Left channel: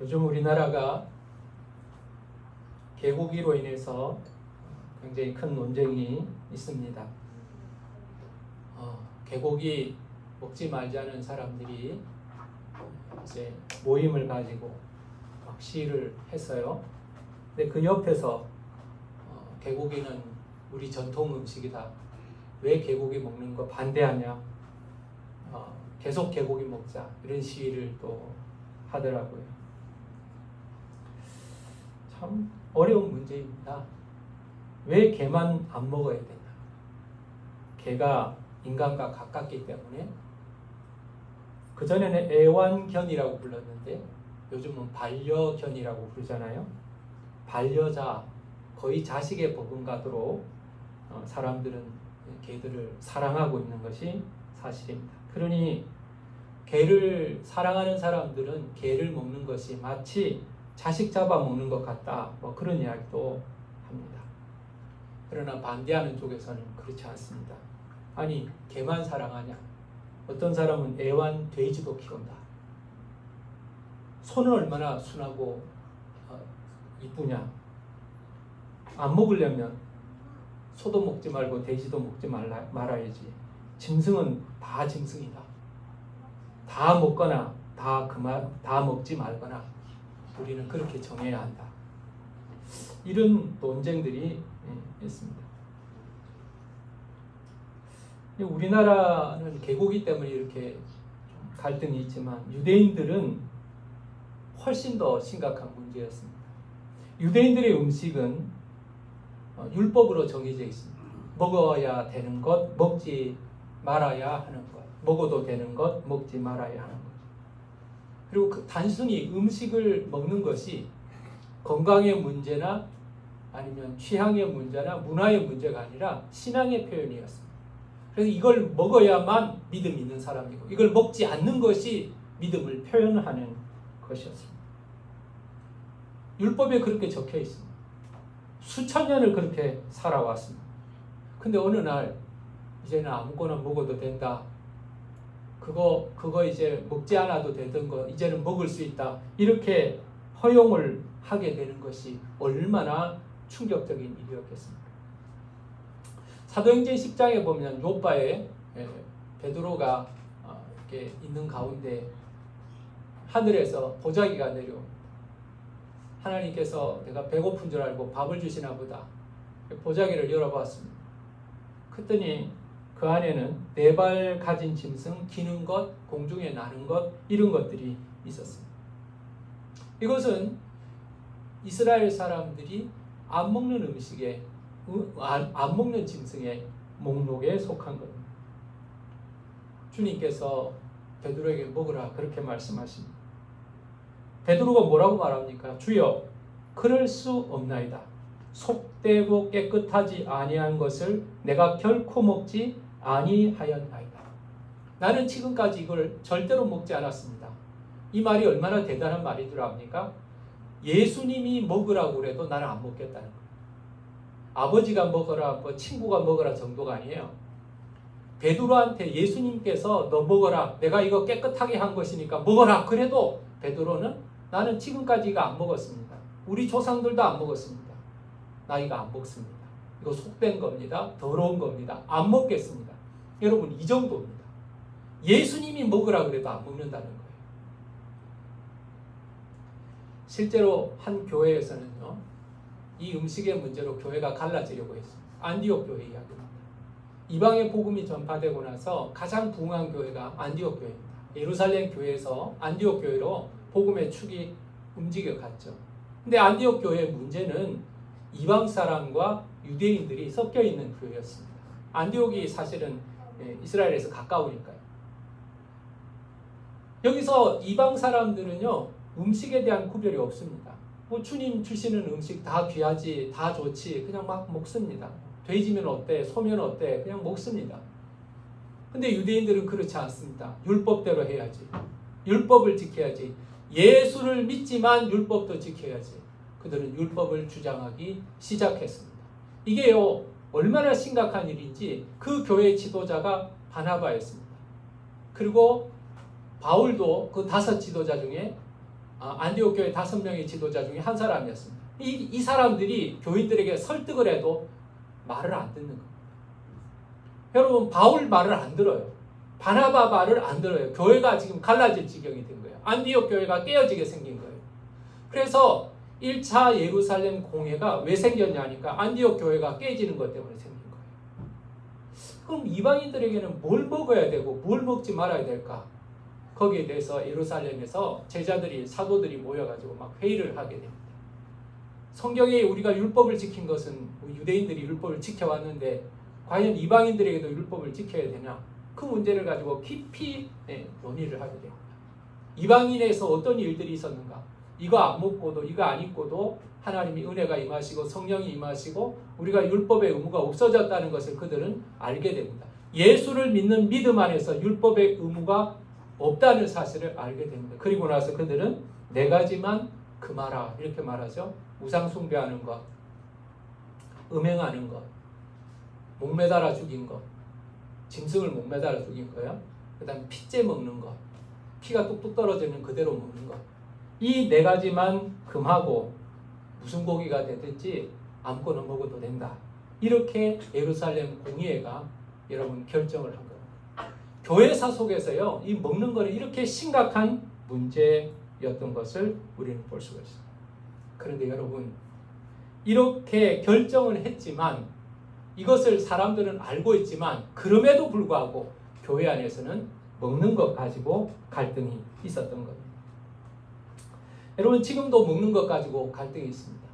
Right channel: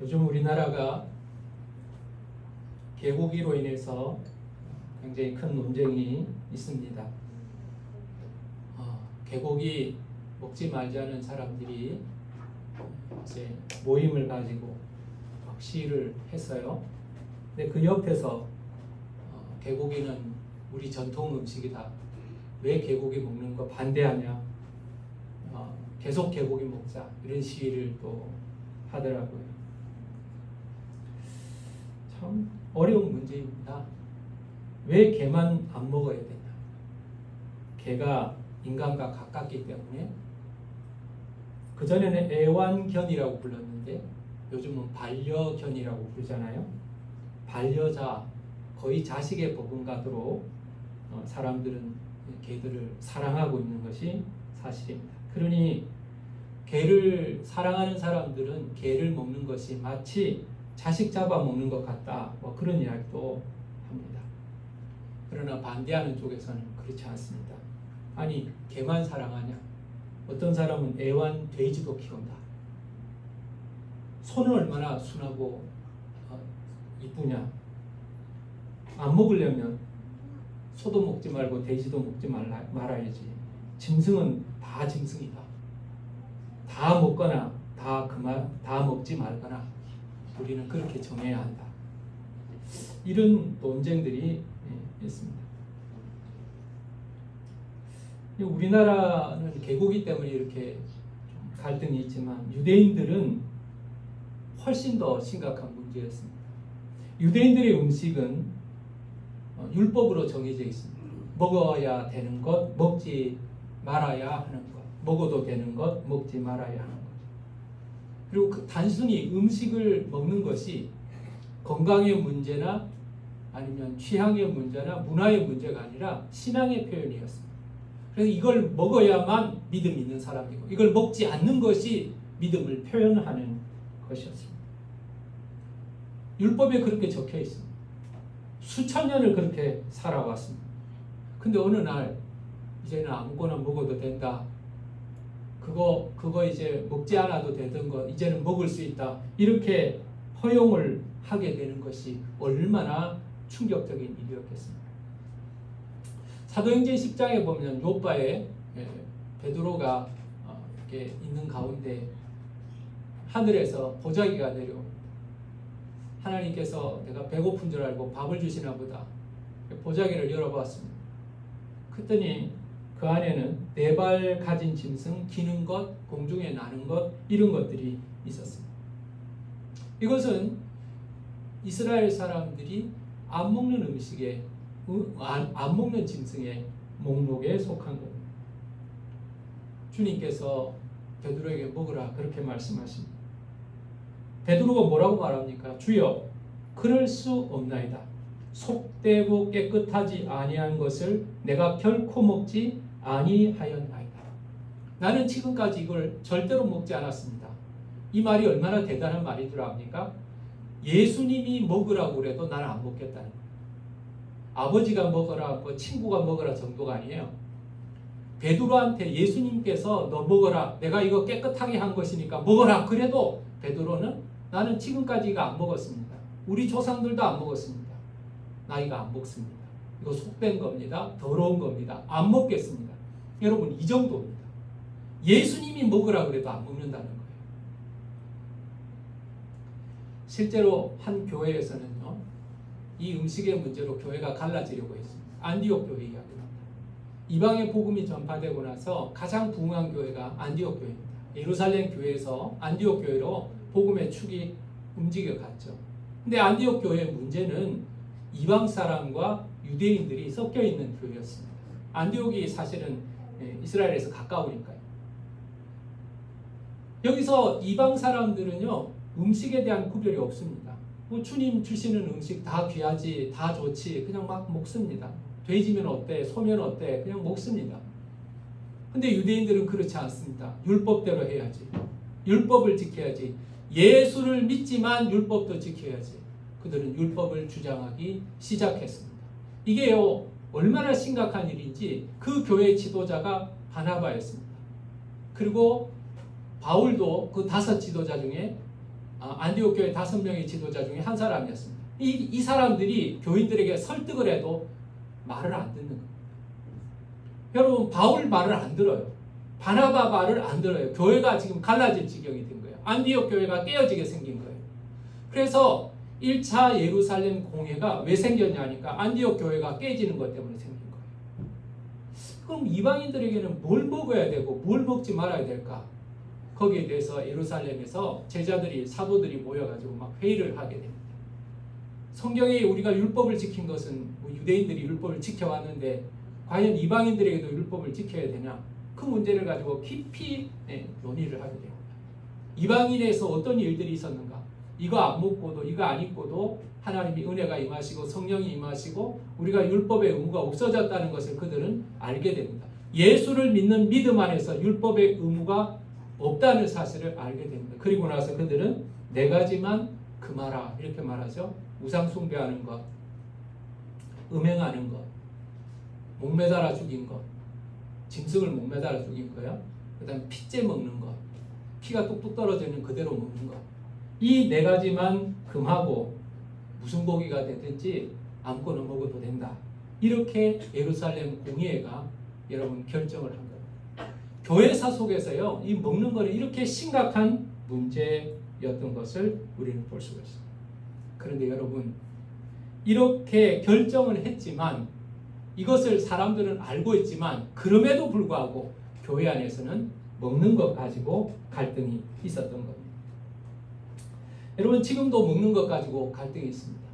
요즘 우리나라가 개고기로 인해서 굉장히 큰 논쟁이 있습니다. 개고기 먹지 말자는 사람들이 이제 모임을 가지고 막 시위를 했어요. 근데 그 옆에서 개고기는 우리 전통 음식이다. 왜 개고기 먹는 거 반대하냐? 계속 개고기 먹자. 이런 시위를 또 하더라고요. 참 어려운 문제입니다. 왜 개만 안 먹어야 되냐? 개가 인간과 가깝기 때문에. 그전에는 애완견이라고 불렀는데 요즘은 반려견이라고 부르잖아요. 반려자, 거의 자식에 버금가도록 사람들은 개들을 사랑하고 있는 것이 사실입니다. 그러니 개를 사랑하는 사람들은 개를 먹는 것이 마치 자식 잡아먹는 것 같다, 뭐 그런 이야기도 합니다. 그러나 반대하는 쪽에서는 그렇지 않습니다. 아니, 개만 사랑하냐? 어떤 사람은 애완 돼지도 키운다. 소는 얼마나 순하고 이쁘냐? 안 먹으려면 소도 먹지 말고 돼지도 먹지 말아야지. 짐승은 다 짐승이다. 다 먹거나 다 먹지 말거나 우리는 그렇게 정해야 한다. 이런 논쟁들이 있습니다. 우리나라는 개고기 때문에 이렇게 갈등이 있지만 유대인들은 훨씬 더 심각한 문제였습니다. 유대인들의 음식은 율법으로 정해져 있습니다. 먹어야 되는 것, 먹지 말아야 하는 것, 먹어도 되는 것, 먹지 말아야 하는 것. 그리고 단순히 음식을 먹는 것이 건강의 문제나 아니면 취향의 문제나 문화의 문제가 아니라 신앙의 표현이었습니다. 그래서 이걸 먹어야만 믿음이 있는 사람이고 이걸 먹지 않는 것이 믿음을 표현하는 것이었습니다. 율법에 그렇게 적혀 있습니다. 수천 년을 그렇게 살아왔습니다. 근데 어느 날 이제는 아무거나 먹어도 된다. 그거 이제 먹지 않아도 되던 거 이제는 먹을 수 있다. 이렇게 허용을 하게 되는 것이 얼마나 충격적인 일이었겠습니까? 사도행전 10장에 보면 요바에 베드로가 이렇게 있는 가운데 하늘에서 보자기가 내려 하나님께서 내가 배고픈 줄 알고 밥을 주시나 보다. 보자기를 열어봤습니다. 그랬더니 그 안에는 4발 가진 짐승, 기는 것, 공중에 나는 것 이런 것들이 있었습니다. 이것은 이스라엘 사람들이 안 먹는 음식에 안 먹는 짐승의 목록에 속한 겁니다. 주님께서 베드로에게 먹으라 그렇게 말씀하십니다. 베드로가 뭐라고 말합니까? 주여, 그럴 수 없나이다. 속되고 깨끗하지 아니한 것을 내가 결코 먹지 아니하였나이다. 나는 지금까지 이걸 절대로 먹지 않았습니다. 이 말이 얼마나 대단한 말인 줄 압니까? 예수님이 먹으라고 그래도 나는 안 먹겠다는 거예요. 아버지가 먹어라, 뭐 친구가 먹어라 정도가 아니에요. 베드로한테 예수님께서 너 먹어라, 내가 이거 깨끗하게 한 것이니까 먹어라 그래도 베드로는 나는 지금까지 이거 안 먹었습니다. 우리 조상들도 안 먹었습니다. 나 이거 안 먹습니다. 이거 속된 겁니다. 더러운 겁니다. 안 먹겠습니다. 여러분, 이 정도입니다. 예수님이 먹으라 그래도 안 먹는다는 거예요. 실제로 한 교회에서는요, 이 음식의 문제로 교회가 갈라지려고 했습니다. 안디옥 교회 이야기입니다. 이방의 복음이 전파되고 나서 가장 부흥한 교회가 안디옥 교회입니다. 예루살렘 교회에서 안디옥 교회로 복음의 축이 움직여갔죠. 근데 안디옥 교회의 문제는 이방 사람과 유대인들이 섞여 있는 교회였습니다. 안디옥이 사실은 이스라엘에서 가까우니까요. 여기서 이방 사람들은요, 음식에 대한 구별이 없습니다. 뭐 주님 주시는 음식 다 귀하지, 다 좋지, 그냥 막 먹습니다. 돼지면 어때, 소면 어때, 그냥 먹습니다. 근데 유대인들은 그렇지 않습니다. 율법대로 해야지. 율법을 지켜야지. 예수를 믿지만 율법도 지켜야지. 그들은 율법을 주장하기 시작했습니다. 이게요, 얼마나 심각한 일인지 그 교회 지도자가 바나바였습니다. 그리고 바울도 그 5 지도자 중에 안디옥 교회 5명의 지도자 중에 한 사람이었습니다. 이 사람들이 교인들에게 설득을 해도 말을 안 듣는 겁니다. 여러분, 바울 말을 안 들어요. 바나바 말을 안 들어요. 교회가 지금 갈라질 지경이 된 거예요. 안디옥 교회가 깨어지게 생긴 거예요. 그래서 1차 예루살렘 공회가 왜 생겼냐니까 안디옥 교회가 깨지는 것 때문에 생긴 거예요. 그럼 이방인들에게는 뭘 먹어야 되고 뭘 먹지 말아야 될까? 거기에 대해서 예루살렘에서 제자들이, 사도들이 모여가지고 막 회의를 하게 됩니다. 성경에 우리가 율법을 지킨 것은 유대인들이 율법을 지켜왔는데 과연 이방인들에게도 율법을 지켜야 되냐? 그 문제를 가지고 깊이 논의를 하게 됩니다. 이방인에서 어떤 일들이 있었는가? 이거 안 먹고도 이거 안 입고도 하나님이 은혜가 임하시고 성령이 임하시고 우리가 율법의 의무가 없어졌다는 것을 그들은 알게 됩니다. 예수를 믿는 믿음 안에서 율법의 의무가 없다는 사실을 알게 됩니다. 그리고 나서 그들은 4가지만 금하라 이렇게 말하죠. 우상 숭배하는 것, 음행하는 것, 목매달아 죽인 것, 짐승을 목매달아 죽인 거예요. 그 다음에 피째 먹는 것, 피가 뚝뚝 떨어지는 그대로 먹는 것. 이 4가지만 금하고 무슨 고기가 되든지 아무거나 먹어도 된다. 이렇게 예루살렘 공의회가 여러분 결정을 한 거예요. 교회사 속에서요, 이 먹는 거는 이렇게 심각한 문제였던 것을 우리는 볼 수가 있습니다. 그런데 여러분, 이렇게 결정을 했지만 이것을 사람들은 알고 있지만 그럼에도 불구하고 교회 안에서는 먹는 것 가지고 갈등이 있었던 겁니다. 여러분, 지금도 먹는 것 가지고 갈등이 있습니다.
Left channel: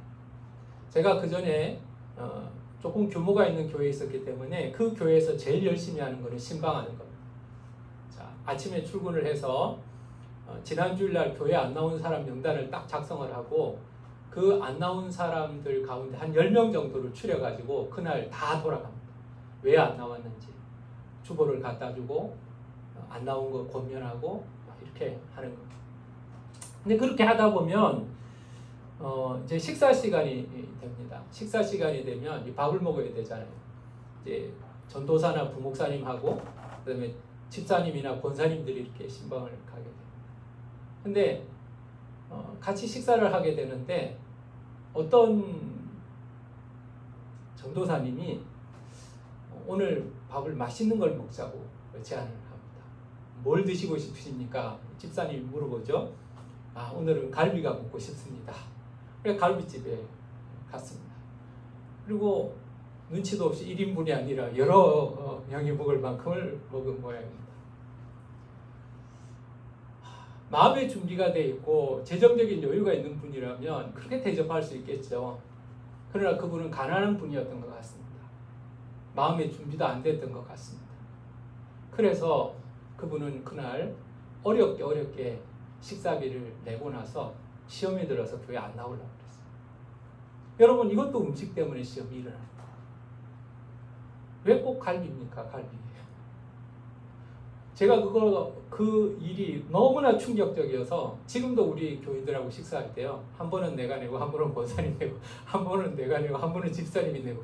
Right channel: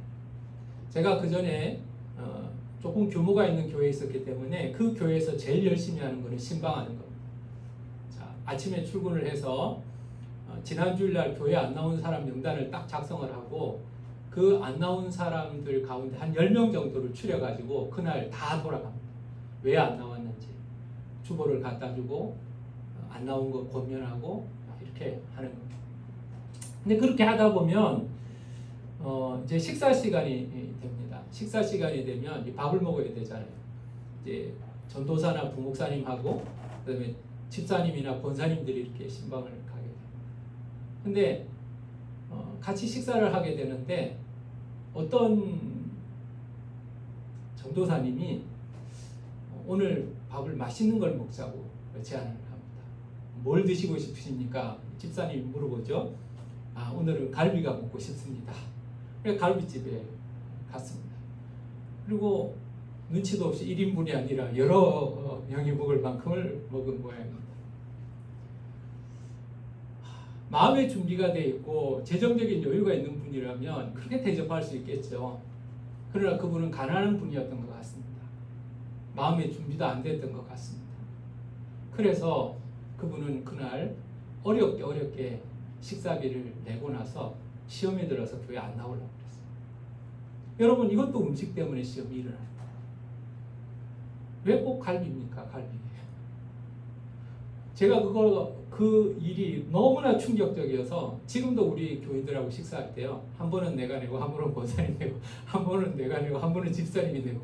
제가 그 전에 조금 규모가 있는 교회에 있었기 때문에 그 교회에서 제일 열심히 하는 것은 신방하는 겁니다. 자, 아침에 출근을 해서 지난 주일날 교회 안 나온 사람 명단을 딱 작성을 하고 그 안 나온 사람들 가운데 한 10명 정도를 추려가지고 그날 다 돌아갑니다. 왜 안 나왔는지 주보를 갖다 주고 안 나온 거 권면하고 이렇게 하는 겁니다. 근데 그렇게 하다 보면 이제 식사 시간이 됩니다. 식사 시간이 되면 이 밥을 먹어야 되잖아요. 이제 전도사나 부목사님하고 그다음에 집사님이나 권사님들이 이렇게 신방을 가게 돼요. 근데 같이 식사를 하게 되는데 어떤 전도사님이 오늘 밥을 맛있는 걸 먹자고 제안을 합니다. 뭘 드시고 싶으십니까? 집사님이 물어보죠. 오늘은 갈비가 먹고 싶습니다. 그래서 갈비집에 갔습니다. 그리고 눈치도 없이 1인분이 아니라 여러 명이 먹을 만큼을 먹은 모양입니다. 마음의 준비가 되어 있고 재정적인 여유가 있는 분이라면 그렇게 대접할 수 있겠죠. 그러나 그분은 가난한 분이었던 것 같습니다. 마음의 준비도 안 됐던 것 같습니다. 그래서 그분은 그날 어렵게 식사비를 내고 나서 시험에 들어서 교회 안 나오려고 그랬어요. 여러분, 이것도 음식 때문에 시험이 일어납니다. 왜 꼭 갈비입니까? 갈비. 제가 그 일이 너무나 충격적이어서 지금도 우리 교인들하고 식사할 때요, 한 번은 내가 내고 한 번은 권사님이 내고 한 번은 내가 내고 한 번은 집사님이 내고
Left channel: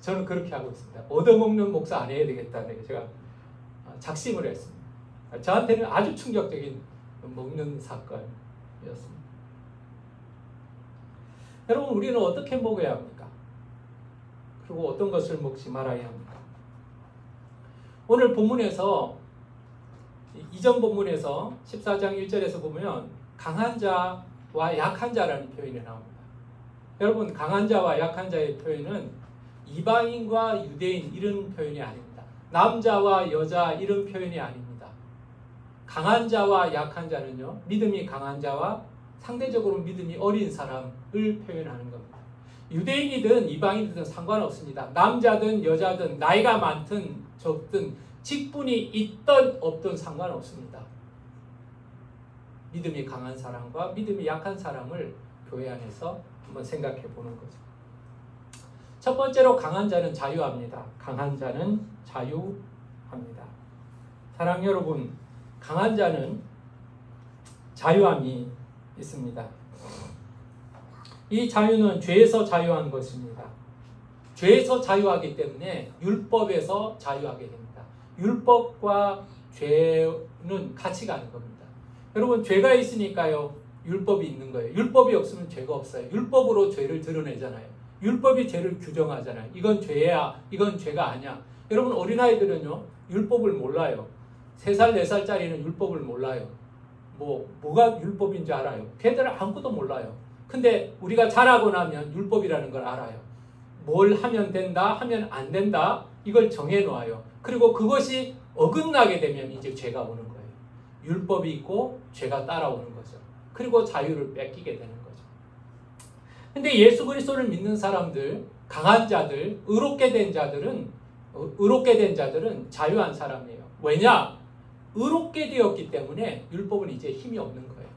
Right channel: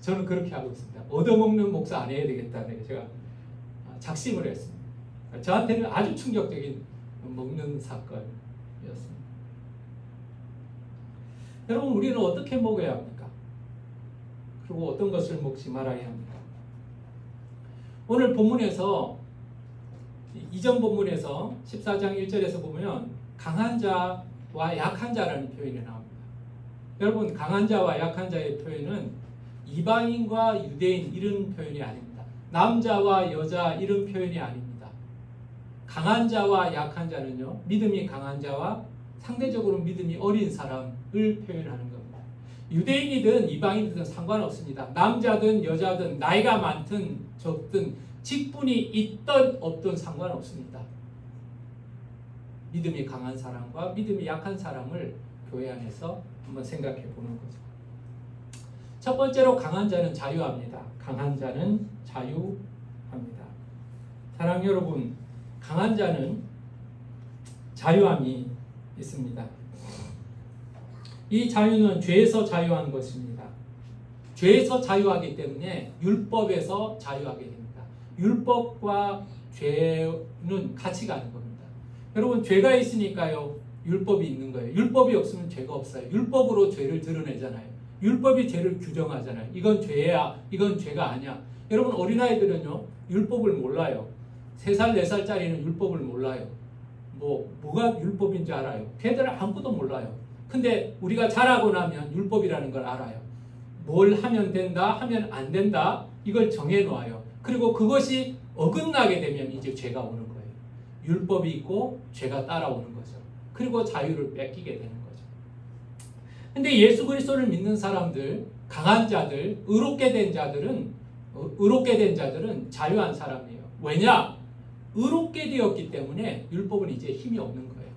저는 그렇게 하고 있습니다. 얻어먹는 목사 안 해야 되겠다는 제가 작심을 했습니다. 저한테는 아주 충격적인 먹는 사건이었습니다. 여러분, 우리는 어떻게 먹어야 합니까? 그리고 어떤 것을 먹지 말아야 합니까? 오늘 본문에서 이전 본문에서 14장 1절에서 보면 강한 자와 약한 자라는 표현이 나옵니다. 여러분, 강한 자와 약한 자의 표현은 이방인과 유대인 이런 표현이 아닙니다. 남자와 여자 이런 표현이 아닙니다. 강한 자와 약한 자는요, 믿음이 강한 자와 상대적으로 믿음이 어린 사람을 표현하는 겁니다. 유대인이든 이방인이든 상관없습니다. 남자든 여자든 나이가 많든 적든 직분이 있든 없든 상관없습니다. 믿음이 강한 사람과 믿음이 약한 사람을 교회 안에서 한번 생각해 보는 거죠. 첫 번째로 강한 자는 자유합니다. 강한 자는 자유합니다. 사랑하는 여러분, 강한 자는 자유함이 있습니다. 이 자유는 죄에서 자유한 것입니다. 죄에서 자유하기 때문에 율법에서 자유하게 됩니다. 율법과 죄는 같이 가는 겁니다. 여러분, 죄가 있으니까요, 율법이 있는 거예요. 율법이 없으면 죄가 없어요. 율법으로 죄를 드러내잖아요. 율법이 죄를 규정하잖아요. 이건 죄야, 이건 죄가 아니야. 여러분 어린아이들은요 율법을 몰라요. 3살, 4살짜리는 율법을 몰라요. 뭐가 율법인 줄 알아요? 걔들은 아무것도 몰라요. 근데 우리가 자라고 나면 율법이라는 걸 알아요. 뭘 하면 된다, 하면 안 된다, 이걸 정해놓아요. 그리고 그것이 어긋나게 되면 이제 죄가 오는 거예요. 율법이 있고 죄가 따라오는 거죠. 그리고 자유를 뺏기게 되는 거죠. 근데 예수 그리스도를 믿는 사람들, 강한 자들, 의롭게 된 자들은 자유한 사람이에요. 왜냐? 의롭게 되었기 때문에 율법은 이제 힘이 없는 거예요.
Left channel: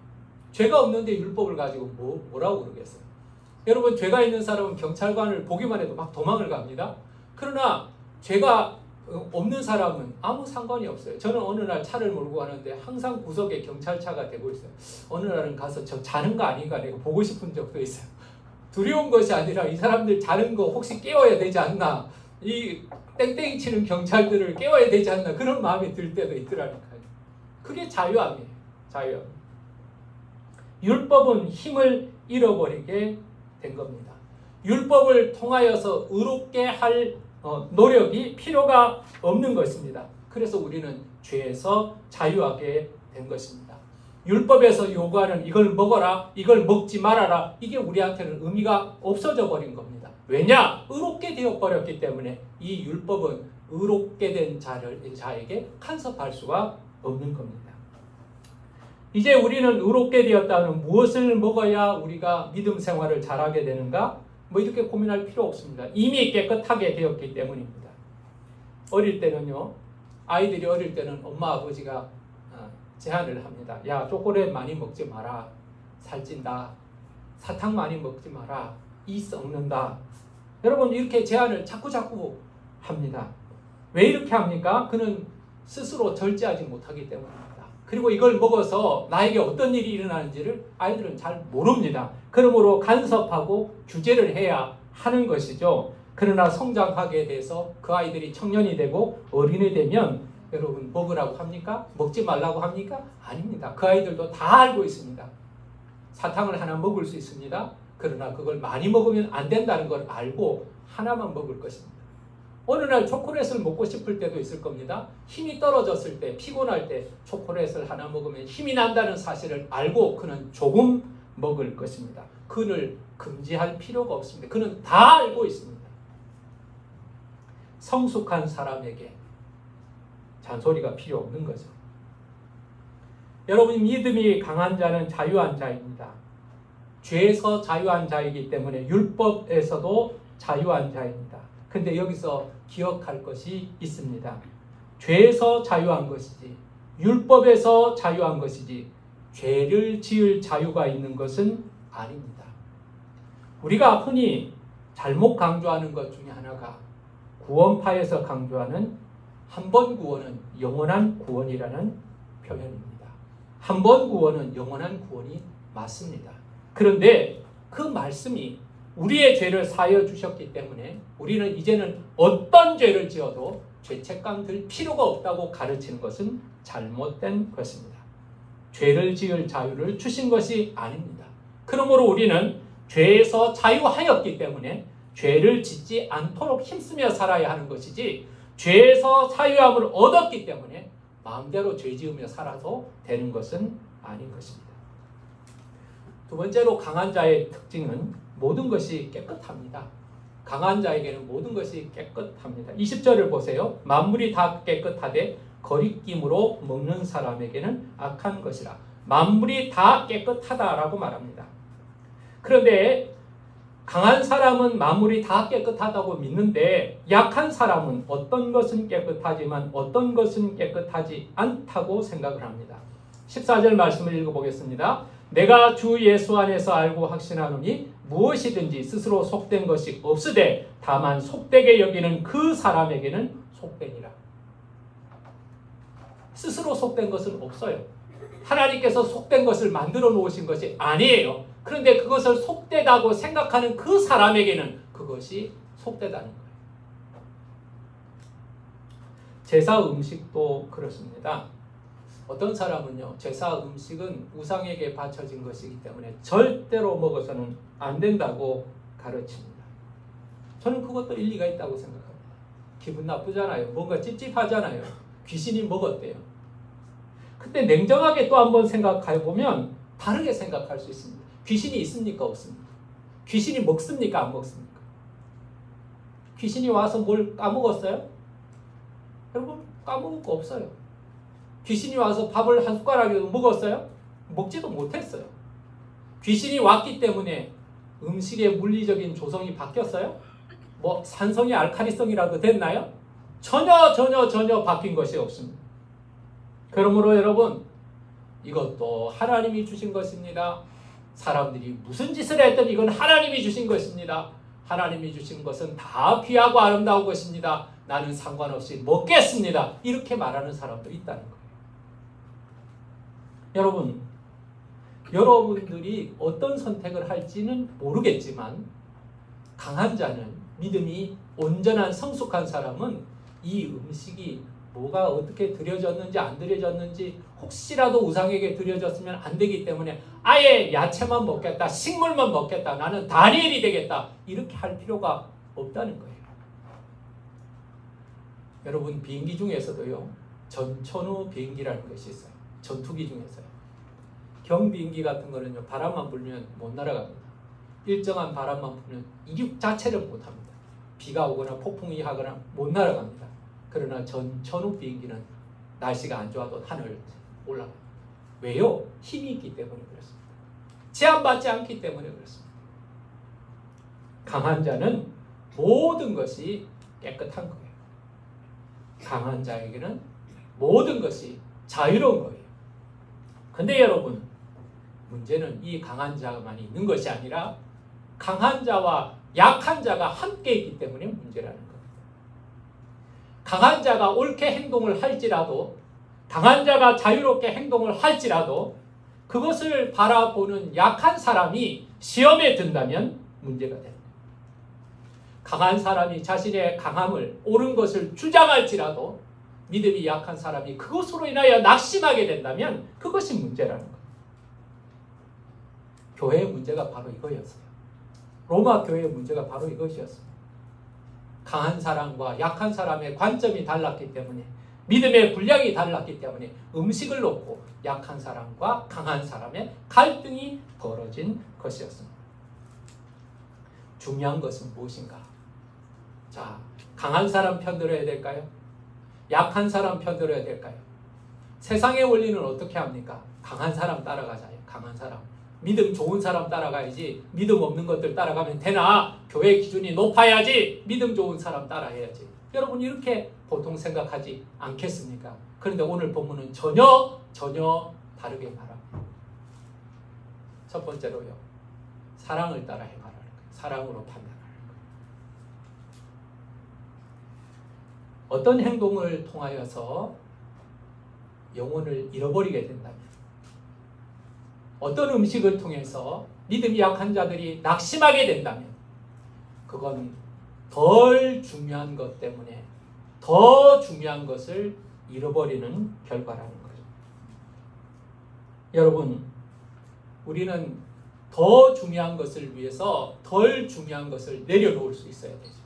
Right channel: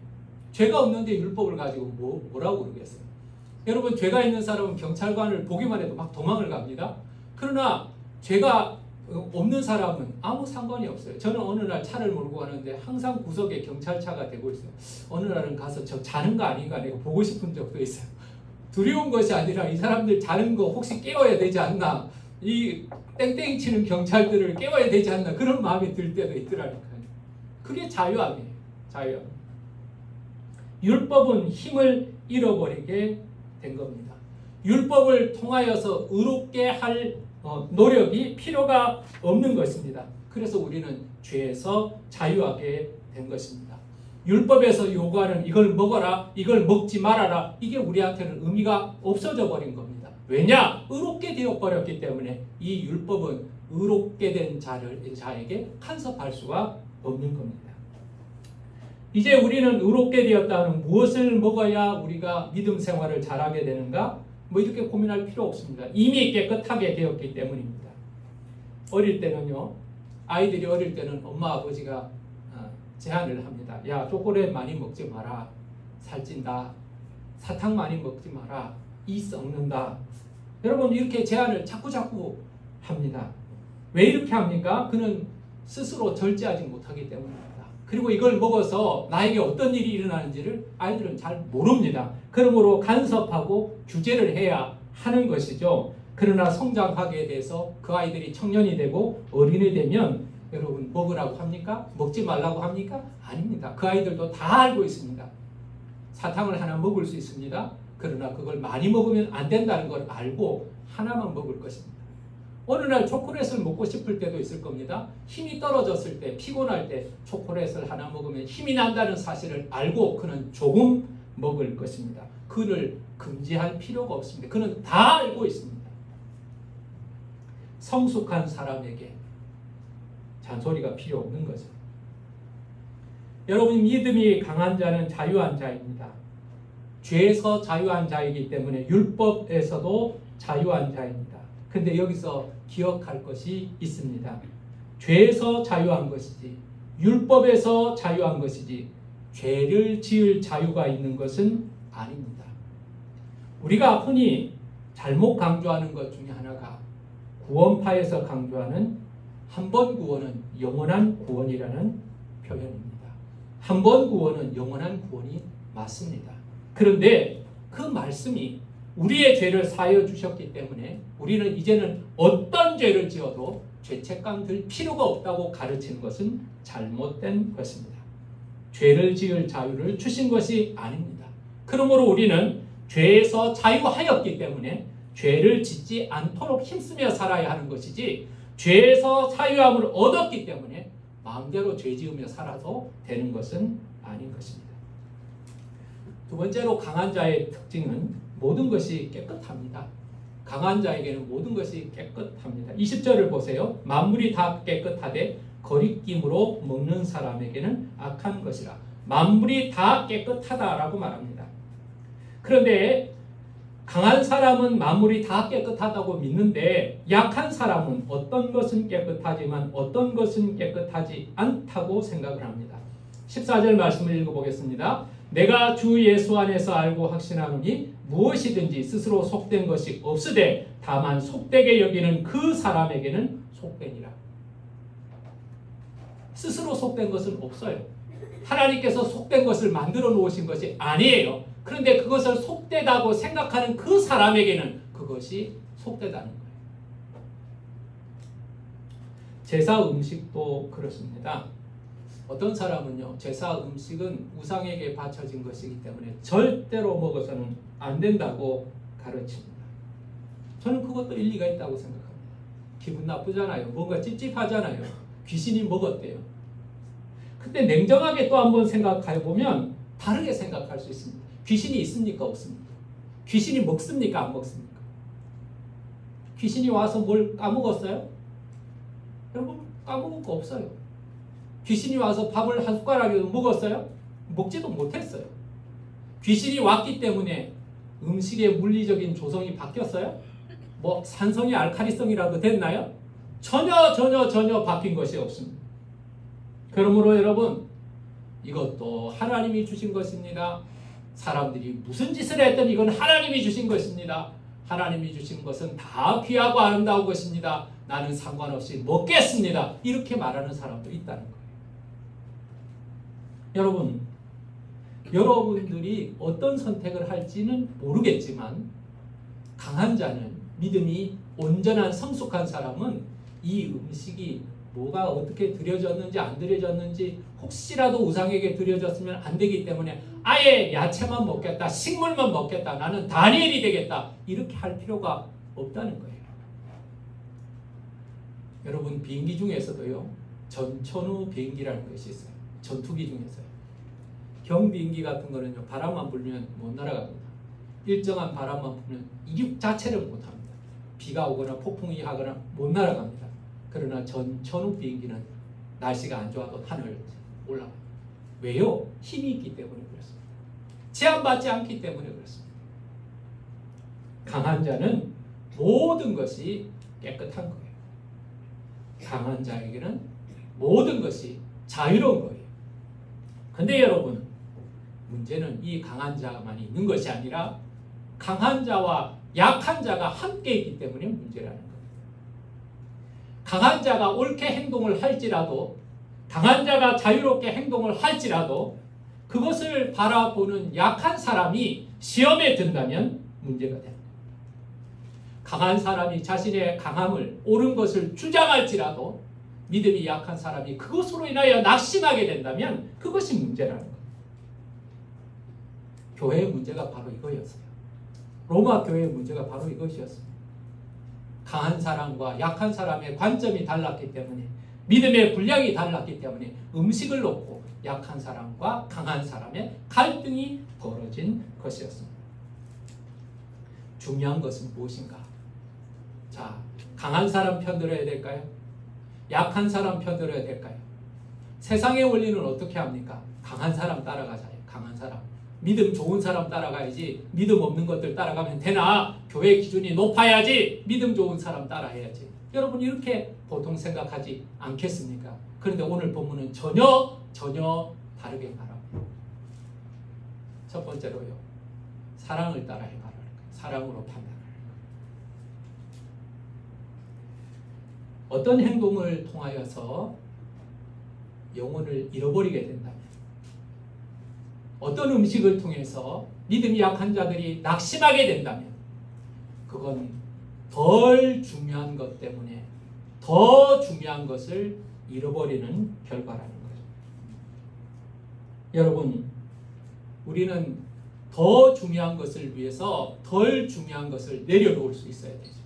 죄가 없는데 율법을 가지고 뭐라고 그러겠어요? 여러분 죄가 있는 사람은 경찰관을 보기만 해도 막 도망을 갑니다. 그러나 죄가 없는 사람은 아무 상관이 없어요. 저는 어느 날 차를 몰고 가는데 항상 구석에 경찰차가 대고 있어요. 어느 날은 가서 저 자는 거 아닌가 내가 보고 싶은 적도 있어요. 두려운 것이 아니라 이 사람들 자는 거 혹시 깨워야 되지 않나, 이 땡땡이 치는 경찰들을 깨워야 되지 않나, 그런 마음이 들 때도 있더라니까요. 그게 자유함이에요. 자유함. 율법은 힘을 잃어버리게 된 겁니다. 율법을 통하여서 의롭게 할 노력이 필요가 없는 것입니다. 그래서 우리는 죄에서 자유하게 된 것입니다. 율법에서 요구하는 이걸 먹어라, 이걸 먹지 말아라, 이게 우리한테는 의미가 없어져 버린 겁니다. 왜냐? 의롭게 되어버렸기 때문에 이 율법은 의롭게 된 자에게 간섭할 수가 없는 겁니다. 이제 우리는 의롭게 되었다는 무엇을 먹어야 우리가 믿음 생활을 잘하게 되는가? 이렇게 고민할 필요 없습니다. 이미 깨끗하게 되었기 때문입니다. 어릴 때는요, 아이들이 어릴 때는 엄마 아버지가 제한을 합니다. 야, 초콜릿 많이 먹지 마라. 살찐다. 사탕 많이 먹지 마라. 이 썩는다. 여러분 이렇게 제한을 자꾸 합니다. 왜 이렇게 합니까? 그는 스스로 절제하지 못하기 때문입니다. 그리고 이걸 먹어서 나에게 어떤 일이 일어나는지를 아이들은 잘 모릅니다. 그러므로 간섭하고 규제를 해야 하는 것이죠. 그러나 성장하게 돼서 그 아이들이 청년이 되고 어린이 되면 여러분 먹으라고 합니까? 먹지 말라고 합니까? 아닙니다. 그 아이들도 다 알고 있습니다. 사탕을 하나 먹을 수 있습니다. 그러나 그걸 많이 먹으면 안 된다는 걸 알고 하나만 먹을 것입니다. 어느 날 초콜릿을 먹고 싶을 때도 있을 겁니다. 힘이 떨어졌을 때, 피곤할 때 초콜릿을 하나 먹으면 힘이 난다는 사실을 알고 그는 조금 먹을 것입니다. 그를 금지할 필요가 없습니다. 그는 다 알고 있습니다. 성숙한 사람에게 잔소리가 필요 없는 거죠. 여러분 믿음이 강한 자는 자유한 자입니다. 죄에서 자유한 자이기 때문에 율법에서도 자유한 자입니다. 근데 여기서 기억할 것이 있습니다. 죄에서 자유한 것이지 율법에서 자유한 것이지 죄를 지을 자유가 있는 것은 아닙니다. 우리가 흔히 잘못 강조하는 것 중에 하나가 구원파에서 강조하는 한 번 구원은 영원한 구원이라는 표현입니다. 한 번 구원은 영원한 구원이 맞습니다. 그런데 그 말씀이 우리의 죄를 사하여 주셨기 때문에 우리는 이제는 어떤 죄를 지어도 죄책감 들 필요가 없다고 가르치는 것은 잘못된 것입니다. 죄를 지을 자유를 주신 것이 아닙니다. 그러므로 우리는 죄에서 자유하였기 때문에 죄를 짓지 않도록 힘쓰며 살아야 하는 것이지 죄에서 자유함을 얻었기 때문에 마음대로 죄 지으며 살아도 되는 것은 아닌 것입니다. 두 번째로 강한 자의 특징은 모든 것이 깨끗합니다. 강한 자에게는 모든 것이 깨끗합니다. 20절을 보세요. 만물이 다 깨끗하되 거리낌으로 먹는 사람에게는 악한 것이라. 만물이 다 깨끗하다라고 말합니다. 그런데 강한 사람은 만물이 다 깨끗하다고 믿는데 약한 사람은 어떤 것은 깨끗하지만 어떤 것은 깨끗하지 않다고 생각을 합니다. 14절 말씀을 읽어보겠습니다. 내가 주 예수 안에서 알고 확신하노니 무엇이든지 스스로 속된 것이 없으되 다만 속되게 여기는 그 사람에게는 속되니라. 스스로 속된 것은 없어요. 하나님께서 속된 것을 만들어 놓으신 것이 아니에요. 그런데 그것을 속되다고 생각하는 그 사람에게는 그것이 속되다는 거예요. 제사 음식도 그렇습니다. 어떤 사람은요, 제사 음식은 우상에게 바쳐진 것이기 때문에 절대로 먹어서는 안 된다고 가르칩니다. 저는 그것도 일리가 있다고 생각합니다. 기분 나쁘잖아요. 뭔가 찝찝하잖아요. 귀신이 먹었대요. 근데 냉정하게 또 한번 생각해 보면 다르게 생각할 수 있습니다. 귀신이 있습니까? 없습니까? 귀신이 먹습니까? 안 먹습니까? 귀신이 와서 뭘 까먹었어요? 여러분, 까먹은 거 없어요. 귀신이 와서 밥을 한 숟가락이라도 먹었어요? 먹지도 못했어요. 귀신이 왔기 때문에 음식의 물리적인 조성이 바뀌었어요? 뭐 산성이 알칼리성이라도 됐나요? 전혀 바뀐 것이 없습니다. 그러므로 여러분, 이것도 하나님이 주신 것입니다. 사람들이 무슨 짓을 했든 이건 하나님이 주신 것입니다. 하나님이 주신 것은 다 귀하고 아름다운 것입니다. 나는 상관없이 먹겠습니다. 이렇게 말하는 사람도 있다는 거예요. 여러분, 여러분들이 어떤 선택을 할지는 모르겠지만 강한 자는, 믿음이 온전한 성숙한 사람은 이 음식이 뭐가 어떻게 드려졌는지 안 드려졌는지 혹시라도 우상에게 드려졌으면 안 되기 때문에 아예 야채만 먹겠다, 식물만 먹겠다, 나는 다니엘이 되겠다, 이렇게 할 필요가 없다는 거예요. 여러분, 비행기 중에서도요, 전천후 비행기라는 것이 있어요. 전투기 중에서요. 경비행기 같은 거는요, 바람만 불면 못 날아갑니다. 일정한 바람만 불면 이륙 자체를 못합니다. 비가 오거나 폭풍이 하거나 못 날아갑니다. 그러나 전천후 비행기는 날씨가 안 좋아도 하늘을 올라가요. 왜요? 힘이 있기 때문에 그렇습니다. 제한받지 않기 때문에 그렇습니다. 강한 자는 모든 것이 깨끗한 거예요. 강한 자에게는 모든 것이 자유로운 거예요. 근데 여러분, 문제는 이 강한 자만 있는 것이 아니라 강한 자와 약한 자가 함께 있기 때문에 문제라는 겁니다. 강한 자가 옳게 행동을 할지라도, 강한 자가 자유롭게 행동을 할지라도 그것을 바라보는 약한 사람이 시험에 든다면 문제가 됩니다. 강한 사람이 자신의 강함을, 옳은 것을 주장할지라도 믿음이 약한 사람이 그것으로 인하여 낙심하게 된다면 그것이 문제라는 거예요. 교회의 문제가 바로 이거였어요. 로마 교회의 문제가 바로 이것이었습니다. 강한 사람과 약한 사람의 관점이 달랐기 때문에, 믿음의 분량이 달랐기 때문에 음식을 놓고 약한 사람과 강한 사람의 갈등이 벌어진 것이었습니다. 중요한 것은 무엇인가? 자, 강한 사람 편들어야 될까요? 약한 사람 편들어야 될까요? 세상의 원리는 어떻게 합니까? 강한 사람 따라가자요. 강한 사람. 믿음 좋은 사람 따라가야지. 믿음 없는 것들 따라가면 되나? 교회 기준이 높아야지. 믿음 좋은 사람 따라해야지. 여러분, 이렇게 보통 생각하지 않겠습니까? 그런데 오늘 본문은 전혀 다르게 말합니다. 첫 번째로요, 사랑을 따라 해말하는 거예요. 사랑으로 판단하는 거예요. 어떤 행동을 통하여서 영혼을 잃어버리게 된다면, 어떤 음식을 통해서 믿음이 약한 자들이 낙심하게 된다면 그건 덜 중요한 것 때문에 더 중요한 것을 잃어버리는 결과라는 거죠. 여러분, 우리는 더 중요한 것을 위해서 덜 중요한 것을 내려놓을 수 있어야 되죠.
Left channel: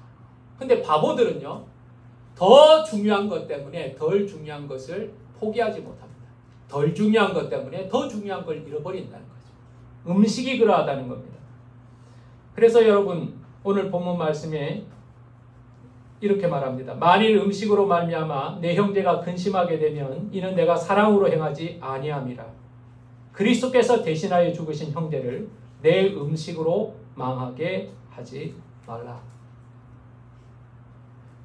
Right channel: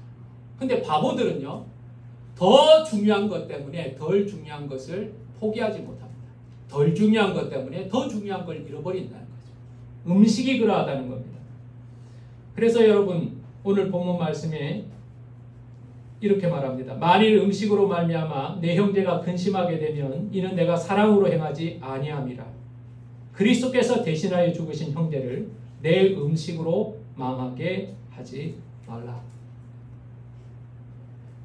근데 바보들은요, 더 중요한 것 때문에 덜 중요한 것을 포기하지 못합니다. 덜 중요한 것 때문에 더 중요한 걸 잃어버린다는 거죠. 음식이 그러하다는 겁니다. 그래서 여러분, 오늘 본문 말씀에 이렇게 말합니다. 만일 음식으로 말미암아 내 형제가 근심하게 되면 이는 내가 사랑으로 행하지 아니함이라. 그리스도께서 대신하여 죽으신 형제를 내 음식으로 망하게 하지 말라.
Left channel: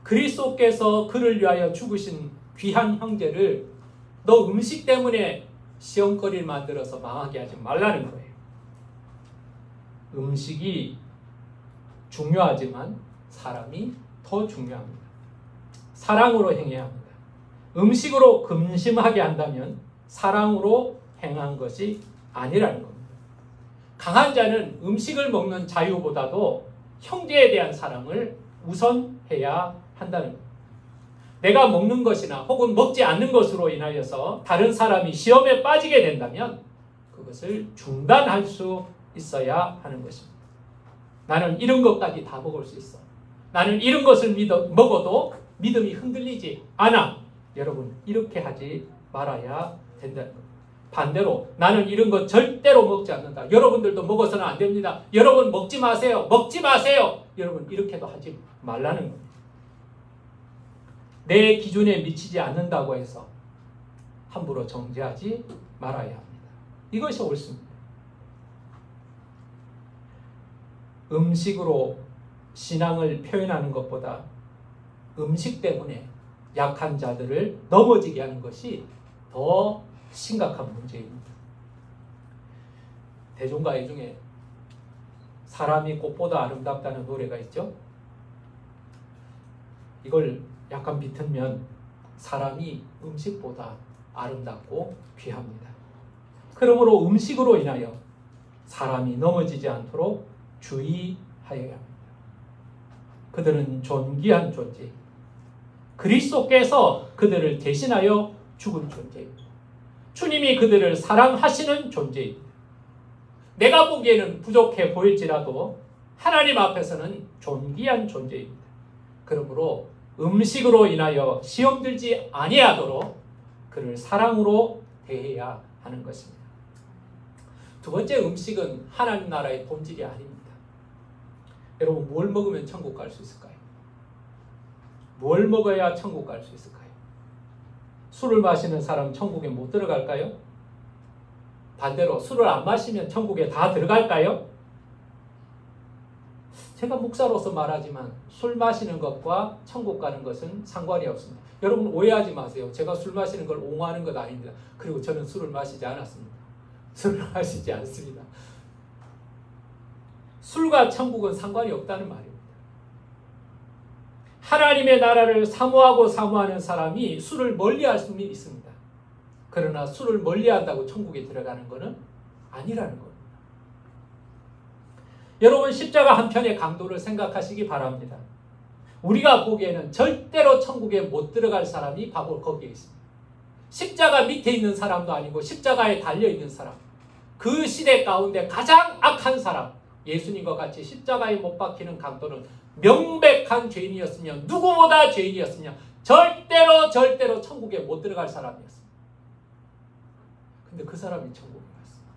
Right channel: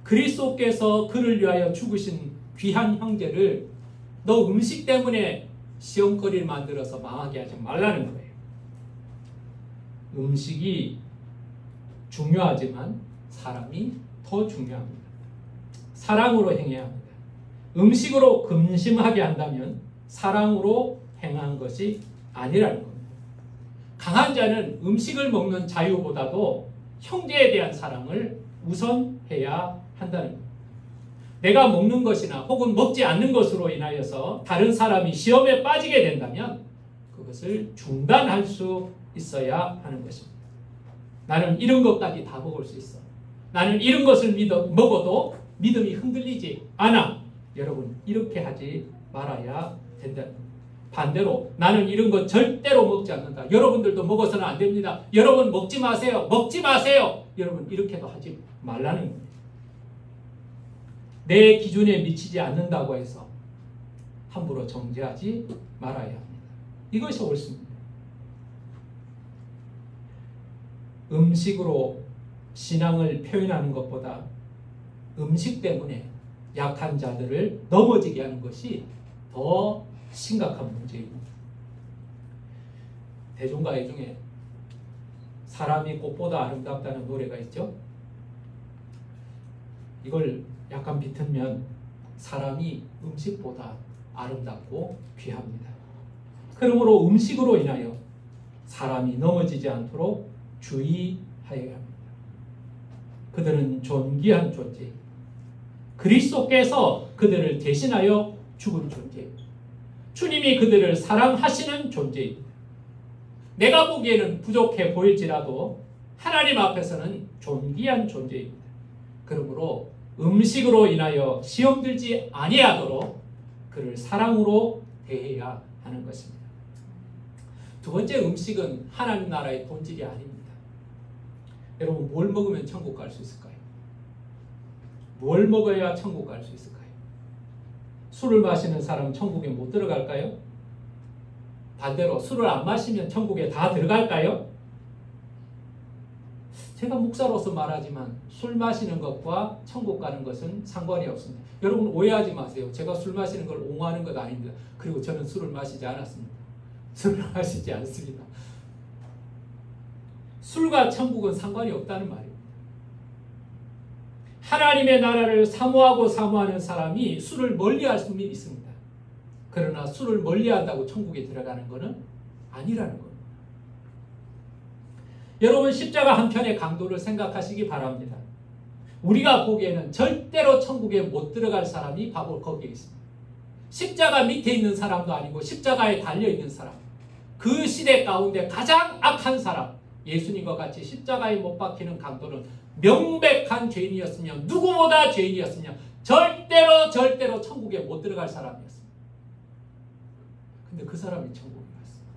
그리스도께서 그를 위하여 죽으신 귀한 형제를 너 음식 때문에 시험거리를 만들어서 망하게 하지 말라는 거예요. 음식이 중요하지만 사람이 더 중요합니다. 사랑으로 행해야 합니다. 음식으로 근심하게 한다면 사랑으로 행한 것이 아니라는 겁니다. 강한 자는 음식을 먹는 자유보다도 형제에 대한 사랑을 우선해야 한다는 겁니다. 내가 먹는 것이나 혹은 먹지 않는 것으로 인하여서 다른 사람이 시험에 빠지게 된다면 그것을 중단할 수 있어야 하는 것입니다. 나는 이런 것까지 다 먹을 수 있어. 나는 이런 것을 먹어도 믿음이 흔들리지 않아. 여러분, 이렇게 하지 말아야 된다는 겁니다. 반대로 나는 이런 거 절대로 먹지 않는다. 여러분들도 먹어서는 안 됩니다. 여러분 먹지 마세요. 먹지 마세요. 여러분 이렇게도 하지 말라는 겁니다. 내 기준에 미치지 않는다고 해서 함부로 정죄하지 말아야 합니다. 이것이 옳습니다. 음식으로 신앙을 표현하는 것보다 음식 때문에 약한 자들을 넘어지게 하는 것이 더 심각한 문제입니다. 대중가요 중에 사람이 꽃보다 아름답다는 노래가 있죠. 이걸 약간 비틀면 사람이 음식보다 아름답고 귀합니다. 그러므로 음식으로 인하여 사람이 넘어지지 않도록 주의하여야 합니다. 그들은 존귀한 존재, 그리스도께서 그들을 대신하여 죽은 존재입니다. 주님이 그들을 사랑하시는 존재입니다. 내가 보기에는 부족해 보일지라도 하나님 앞에서는 존귀한 존재입니다. 그러므로 음식으로 인하여 시험 들지 아니하도록 그를 사랑으로 대해야 하는 것입니다. 두 번째, 음식은 하나님 나라의 본질이 아닙니다. 여러분, 뭘 먹으면 천국 갈 수 있을까요? 뭘 먹어야 천국 갈 수 있을까요? 술을 마시는 사람 천국에 못 들어갈까요? 반대로 술을 안 마시면 천국에 다 들어갈까요? 제가 목사로서 말하지만 술 마시는 것과 천국 가는 것은 상관이 없습니다. 여러분 오해하지 마세요. 제가 술 마시는 걸 옹호하는 것 아닙니다. 그리고 저는 술을 마시지 않았습니다. 술을 마시지 않습니다. 술과 천국은 상관이 없다는 말입니다. 하나님의 나라를 사모하고 사모하는 사람이 술을 멀리할 수는 있습니다. 그러나 술을 멀리한다고 천국에 들어가는 것은 아니라는 겁니다. 여러분, 십자가 한 편의 강도를 생각하시기 바랍니다. 우리가 보기에는 절대로 천국에 못 들어갈 사람이 바로 거기에 있습니다. 십자가 밑에 있는 사람도 아니고 십자가에 달려있는 사람, 그 시대 가운데 가장 악한 사람, 예수님과 같이 십자가에 못 박히는 강도는 명백한 죄인이었으며 누구보다 죄인이었으며 절대로 천국에 못 들어갈 사람이었습니다. 근데 그 사람이 천국에 갔습니다.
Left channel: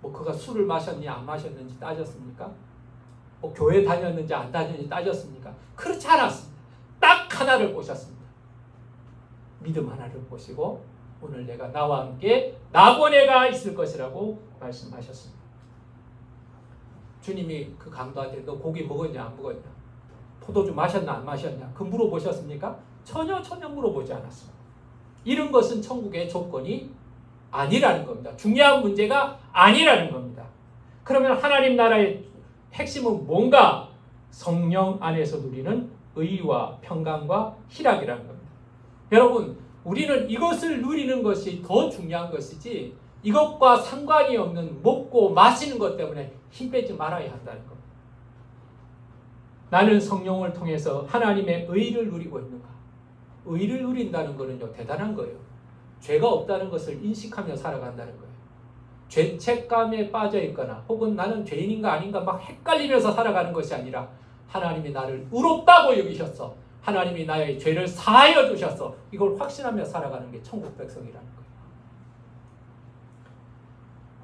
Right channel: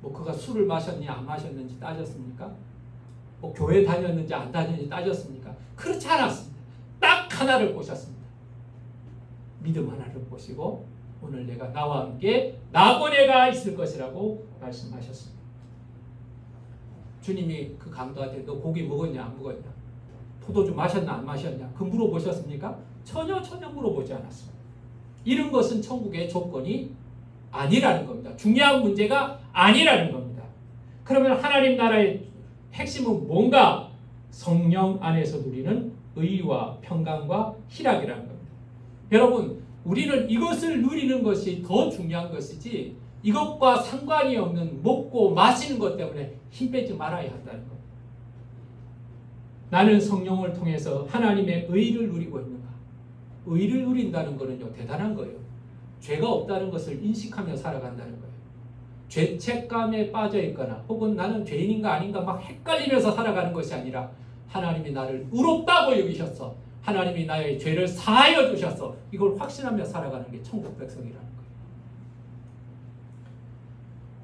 뭐 그가 술을 마셨니 안 마셨는지 따졌습니까? 뭐 교회 다녔는지 안 다녔는지 따졌습니까? 그렇지 않았습니다. 딱 하나를 보셨습니다. 믿음 하나를 보시고 오늘 내가 나와 함께 나고네가 있을 것이라고 말씀하셨습니다. 주님이 그 강도한테 너 고기 먹었냐 안 먹었냐, 포도주 마셨나 안 마셨냐 그 물어보셨습니까? 전혀 물어보지 않았습니다. 이런 것은 천국의 조건이 아니라는 겁니다. 중요한 문제가 아니라는 겁니다. 그러면 하나님 나라의 핵심은 뭔가? 성령 안에서 누리는 의와 평강과 희락이라는 겁니다. 여러분, 우리는 이것을 누리는 것이 더 중요한 것이지 이것과 상관이 없는 먹고 마시는 것 때문에 힘 빼지 말아야 한다는 겁니다. 나는 성령을 통해서 하나님의 의를 누리고 있는가? 의를 누린다는 것은요, 대단한 거예요. 죄가 없다는 것을 인식하며 살아간다는 거예요. 죄책감에 빠져 있거나 혹은 나는 죄인인가 아닌가 막 헷갈리면서 살아가는 것이 아니라 하나님이 나를 의롭다고 여기셨어. 하나님이 나의 죄를 사하여 주셨어. 이걸 확신하며 살아가는 게 천국 백성이라는 거예요.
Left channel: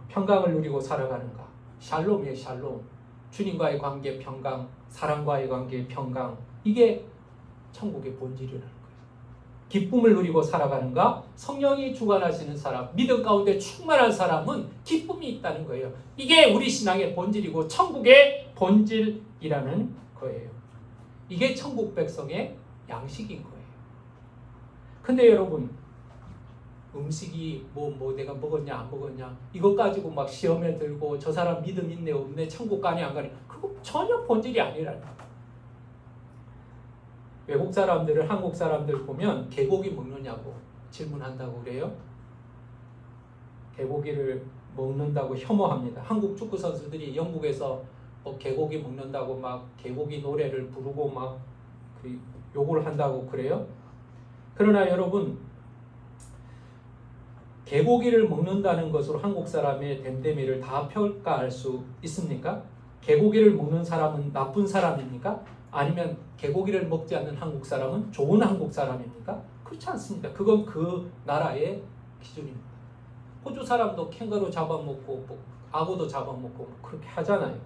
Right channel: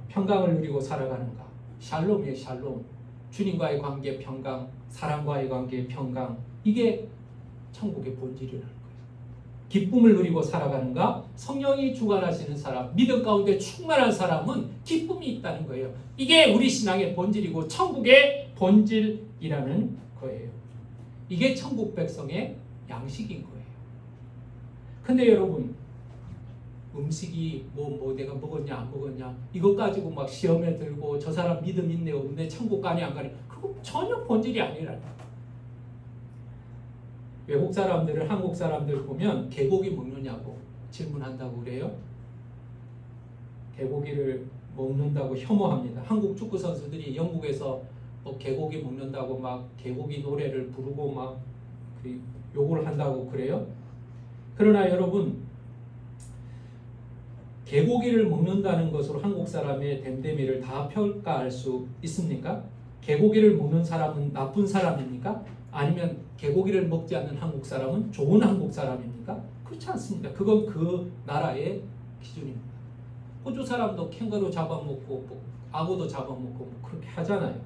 평강을 누리고 살아가는가? 샬롬이에요, 샬롬. 주님과의 관계 평강, 사람과의 관계 평강. 이게 천국의 본질이라는 거예요. 기쁨을 누리고 살아가는가? 성령이 주관하시는 사람, 믿음 가운데 충만한 사람은 기쁨이 있다는 거예요. 이게 우리 신앙의 본질이고 천국의 본질이라는 거예요. 이게 천국 백성의 양식인 거예요. 근데 여러분, 음식이 뭐 내가 먹었냐 안 먹었냐 이것 가지고 막 시험에 들고 저 사람 믿음 있네 없네 천국 가니 안 가니 그거 전혀 본질이 아니라는 거예요. 외국 사람들을 한국 사람들 보면 개고기 먹느냐고 질문한다고 그래요. 개고기를 먹는다고 혐오합니다. 한국 축구 선수들이 영국에서 개고기 먹는다고 막 개고기 노래를 부르고 막 요구를 한다고 그래요. 그러나 여러분, 개고기를 먹는다는 것으로 한국 사람의 됨됨이를 다 평가할 수 있습니까? 개고기를 먹는 사람은 나쁜 사람입니까? 아니면 개고기를 먹지 않는 한국 사람은 좋은 한국 사람입니까? 그렇지 않습니다. 그건 그 나라의 기준입니다. 호주 사람도 캥거루 잡아먹고 악어도 잡아먹고 그렇게 하잖아요.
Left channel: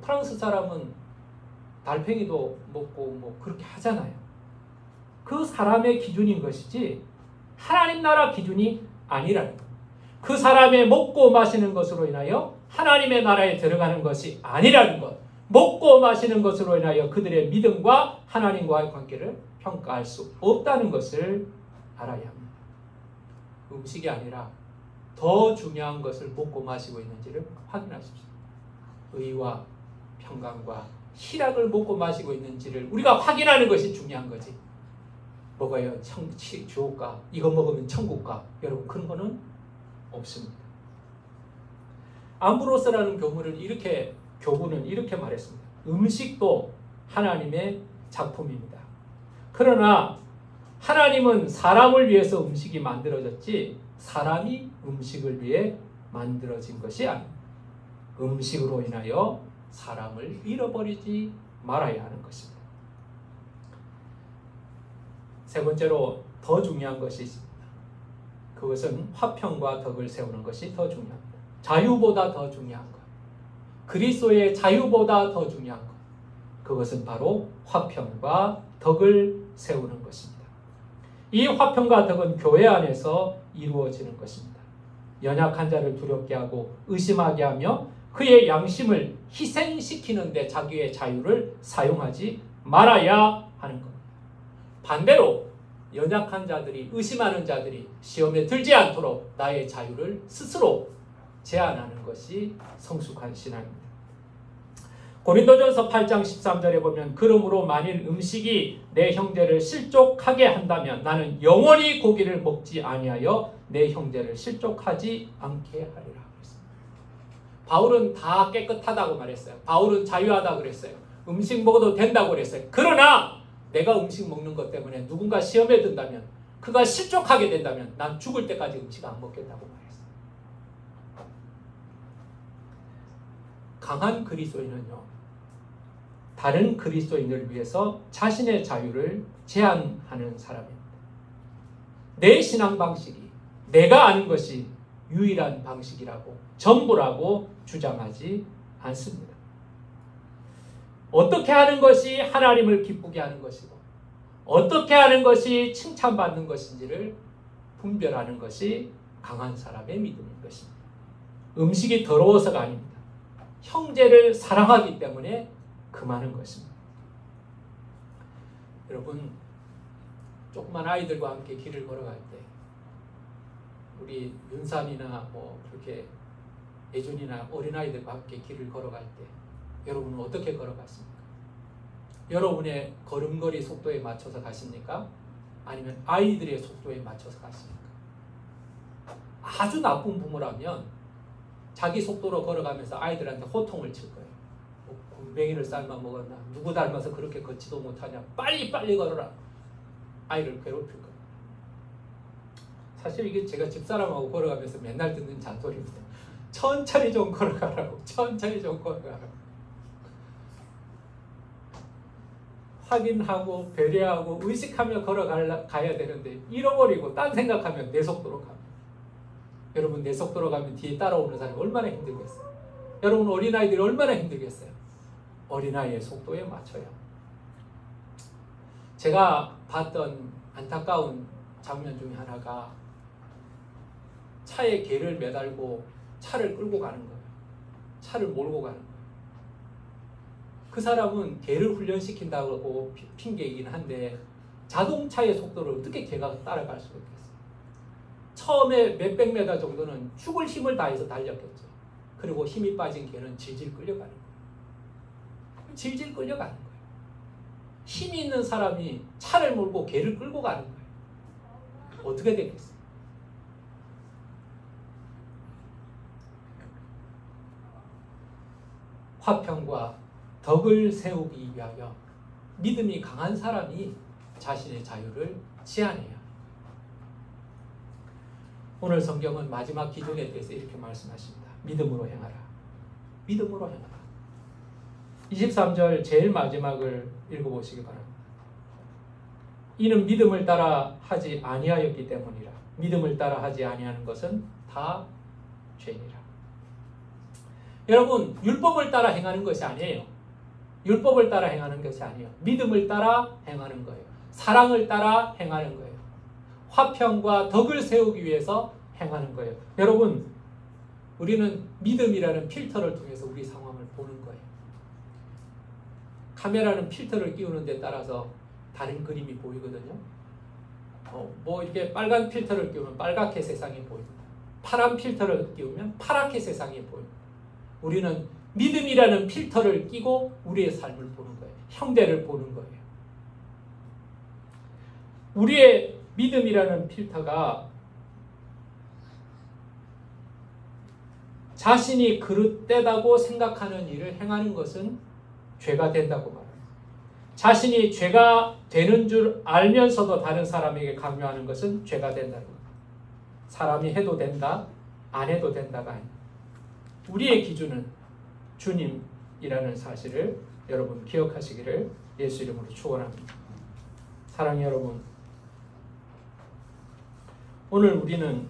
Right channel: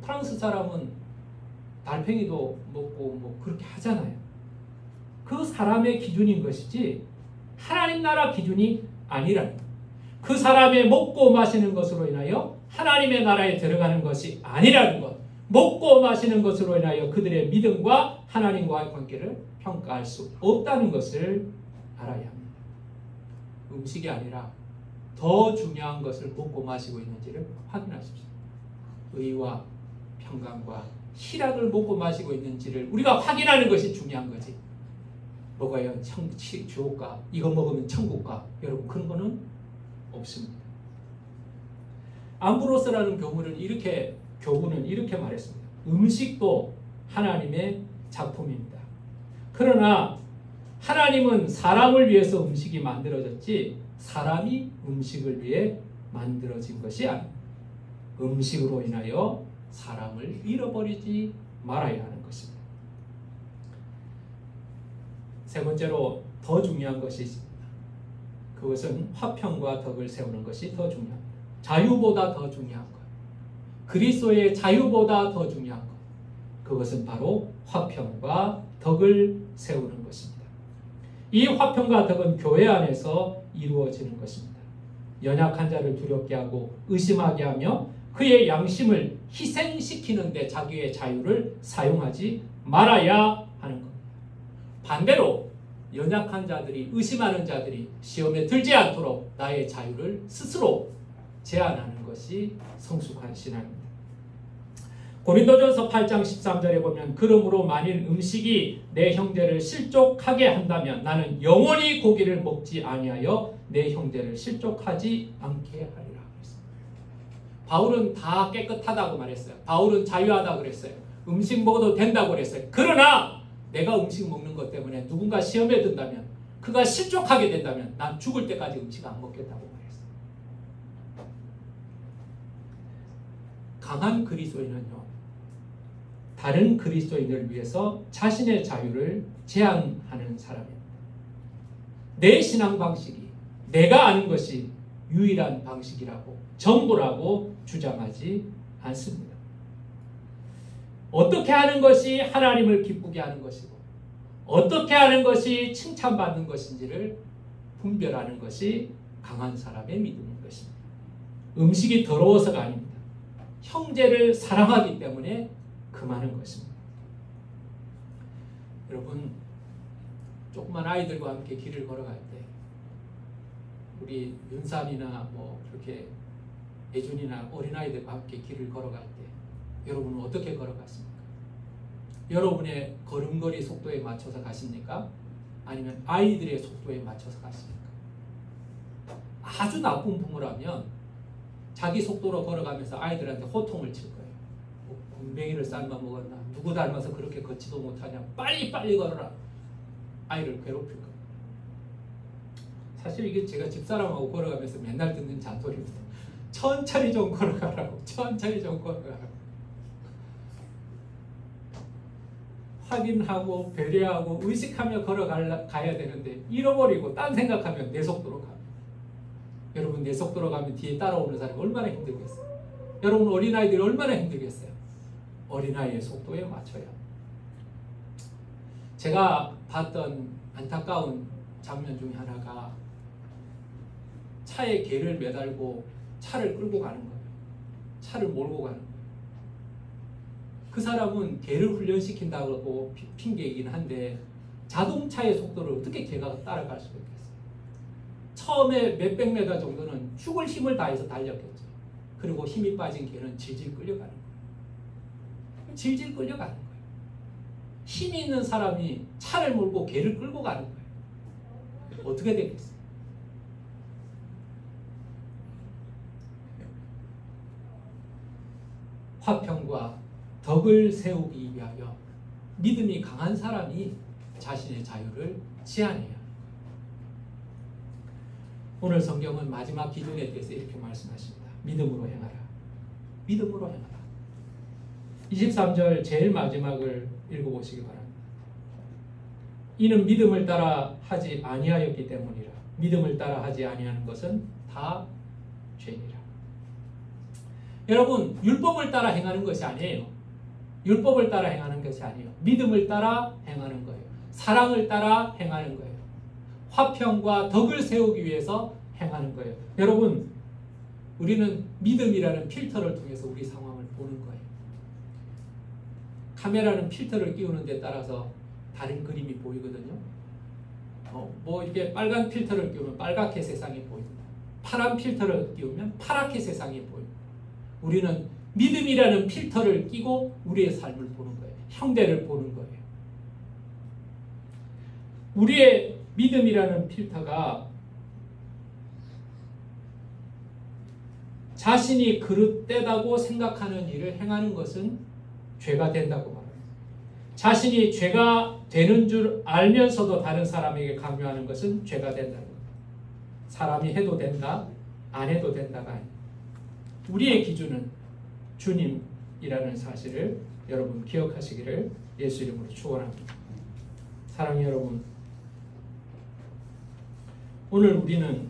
프랑스 사람은 달팽이도 먹고 그렇게 하잖아요. 그 사람의 기준인 것이지 하나님 나라 기준이 아니라는 것. 그 사람의 먹고 마시는 것으로 인하여 하나님의 나라에 들어가는 것이 아니라는 것. 먹고 마시는 것으로 인하여 그들의 믿음과 하나님과의 관계를 평가할 수 없다는 것을 알아야 합니다. 음식이 아니라 더 중요한 것을 먹고 마시고 있는지를 확인하십시오. 의와 평강과 희락을 먹고 마시고 있는지를 우리가 확인하는 것이 중요한 거지. 먹어야 지옥가, 이거 먹으면 천국가, 여러분 그런 거는 없습니다. 암브로스라는 교문은 이렇게 말했습니다. 음식도 하나님의 작품입니다. 그러나 하나님은 사람을 위해서 음식이 만들어졌지 사람이 음식을 위해 만들어진 것이 아닙니다. 음식으로 인하여 사람을 잃어버리지 말아야 하는 것입니다. 세 번째로 더 중요한 것이 있습니다. 그것은 화평과 덕을 세우는 것이 더 중요합니다. 자유보다 더 중요한 것. 그리스도의 자유보다 더 중요한 것. 그것은 바로 화평과 덕을 세우는 것입니다. 이 화평과 덕은 교회 안에서 이루어지는 것입니다. 연약한 자를 두렵게 하고 의심하게 하며 그의 양심을 희생시키는 데 자기의 자유를 사용하지 말아야 하는 겁니다. 반대로 연약한 자들이, 의심하는 자들이 시험에 들지 않도록 나의 자유를 스스로 제한하는 것이 성숙한 신앙입니다. 고린도전서 8장 13절에 보면 그러므로 만일 음식이 내 형제를 실족하게 한다면 나는 영원히 고기를 먹지 아니하여 내 형제를 실족하지 않게 하리라. 바울은 다 깨끗하다고 말했어요. 바울은 자유하다고 그랬어요. 음식 먹어도 된다고 그랬어요. 그러나 내가 음식 먹는 것 때문에 누군가 시험에 든다면, 그가 실족하게 된다면 난 죽을 때까지 음식 안 먹겠다고 말했어요. 강한 그리스도인은요, 다른 그리스도인을 위해서 자신의 자유를 제한하는 사람입니다. 내 신앙 방식이 내가 아는 것이 유일한 방식이라고, 전부라고 주장하지 않습니다. 어떻게 하는 것이 하나님을 기쁘게 하는 것이고 어떻게 하는 것이 칭찬받는 것인지를 분별하는 것이 강한 사람의 믿음인 것입니다. 음식이 더러워서가 아닙니다. 형제를 사랑하기 때문에 금하는 것입니다. 여러분, 조그만 아이들과 함께 길을 걸어갈 때 우리 윤산이나 그렇게 예준이나 어린아이들과 함께 길을 걸어갈 때 여러분은 어떻게 걸어갔습니까? 여러분의 걸음걸이 속도에 맞춰서 가십니까? 아니면 아이들의 속도에 맞춰서 가십니까? 아주 나쁜 부모라면 자기 속도로 걸어가면서 아이들한테 호통을 칠 거예요. 굼벵이를 삶아 먹었나? 누구 닮아서 그렇게 걷지도 못하냐? 빨리 걸어라. 아이를 괴롭힐 거예요. 사실 이게 제가 집사람하고 걸어가면서 맨날 듣는 잔소리입니다. 천천히 좀 걸어가라고. 천천히 좀 걸어가라고. 확인하고 배려하고 의식하며 걸어가야 되는데 잃어버리고 딴 생각하면 내 속도로 갑니다. 여러분, 내 속도로 가면 뒤에 따라오는 사람이 얼마나 힘들겠어요? 여러분, 어린아이들이 얼마나 힘들겠어요? 어린아이의 속도에 맞춰야. 제가 봤던 안타까운 장면 중에 하나가 차에 개를 매달고 차를 끌고 가는 거예요. 차를 몰고 가는 거예요. 그 사람은 개를 훈련시킨다고 핑계이긴 한데 자동차의 속도를 어떻게 개가 따라갈 수가 있겠어요? 처음에 몇백 메다 정도는 죽을 힘을 다해서 달렸겠죠. 그리고 힘이 빠진 개는 질질 끌려가는 거예요. 질질 끌려가는 거예요. 힘이 있는 사람이 차를 몰고 개를 끌고 가는 거예요. 어떻게 되겠어요? 화평과 덕을 세우기 위하여 믿음이 강한 사람이 자신의 자유를 제한해요. 오늘 성경은 마지막 기준에 대해서 이렇게 말씀하십니다. 믿음으로 행하라. 믿음으로 행하라. 23절 제일 마지막을 읽어보시기 바랍니다. 이는 믿음을 따라 하지 아니하였기 때문이라. 믿음을 따라 하지 아니하는 것은 다 죄니라. 여러분, 율법을 따라 행하는 것이 아니에요. 율법을 따라 행하는 것이 아니에요. 믿음을 따라 행하는 거예요. 사랑을 따라 행하는 거예요. 화평과 덕을 세우기 위해서 행하는 거예요. 여러분, 우리는 믿음이라는 필터를 통해서 우리 상황을 보는 거예요. 카메라는 필터를 끼우는 데 따라서 다른 그림이 보이거든요. 뭐 이렇게 빨간 필터를 끼우면 빨갛게 세상이 보입니다. 파란 필터를 끼우면 파랗게 세상이 보입니다. 우리는 믿음이라는 필터를 끼고 우리의 삶을 보는 거예요. 형대를 보는 거예요. 우리의 믿음이라는 필터가 자신이 그릇되다고 생각하는 일을 행하는 것은 죄가 된다고 말합니다. 자신이 죄가 되는 줄 알면서도 다른 사람에게 강요하는 것은 죄가 된다는 겁니다. 사람이 해도 된다, 안 해도 된다가 아닙니다. 우리의 기준은 주님이라는 사실을 여러분 기억하시기를 예수 이름으로 축원합니다. 사랑하는 여러분, 오늘 우리는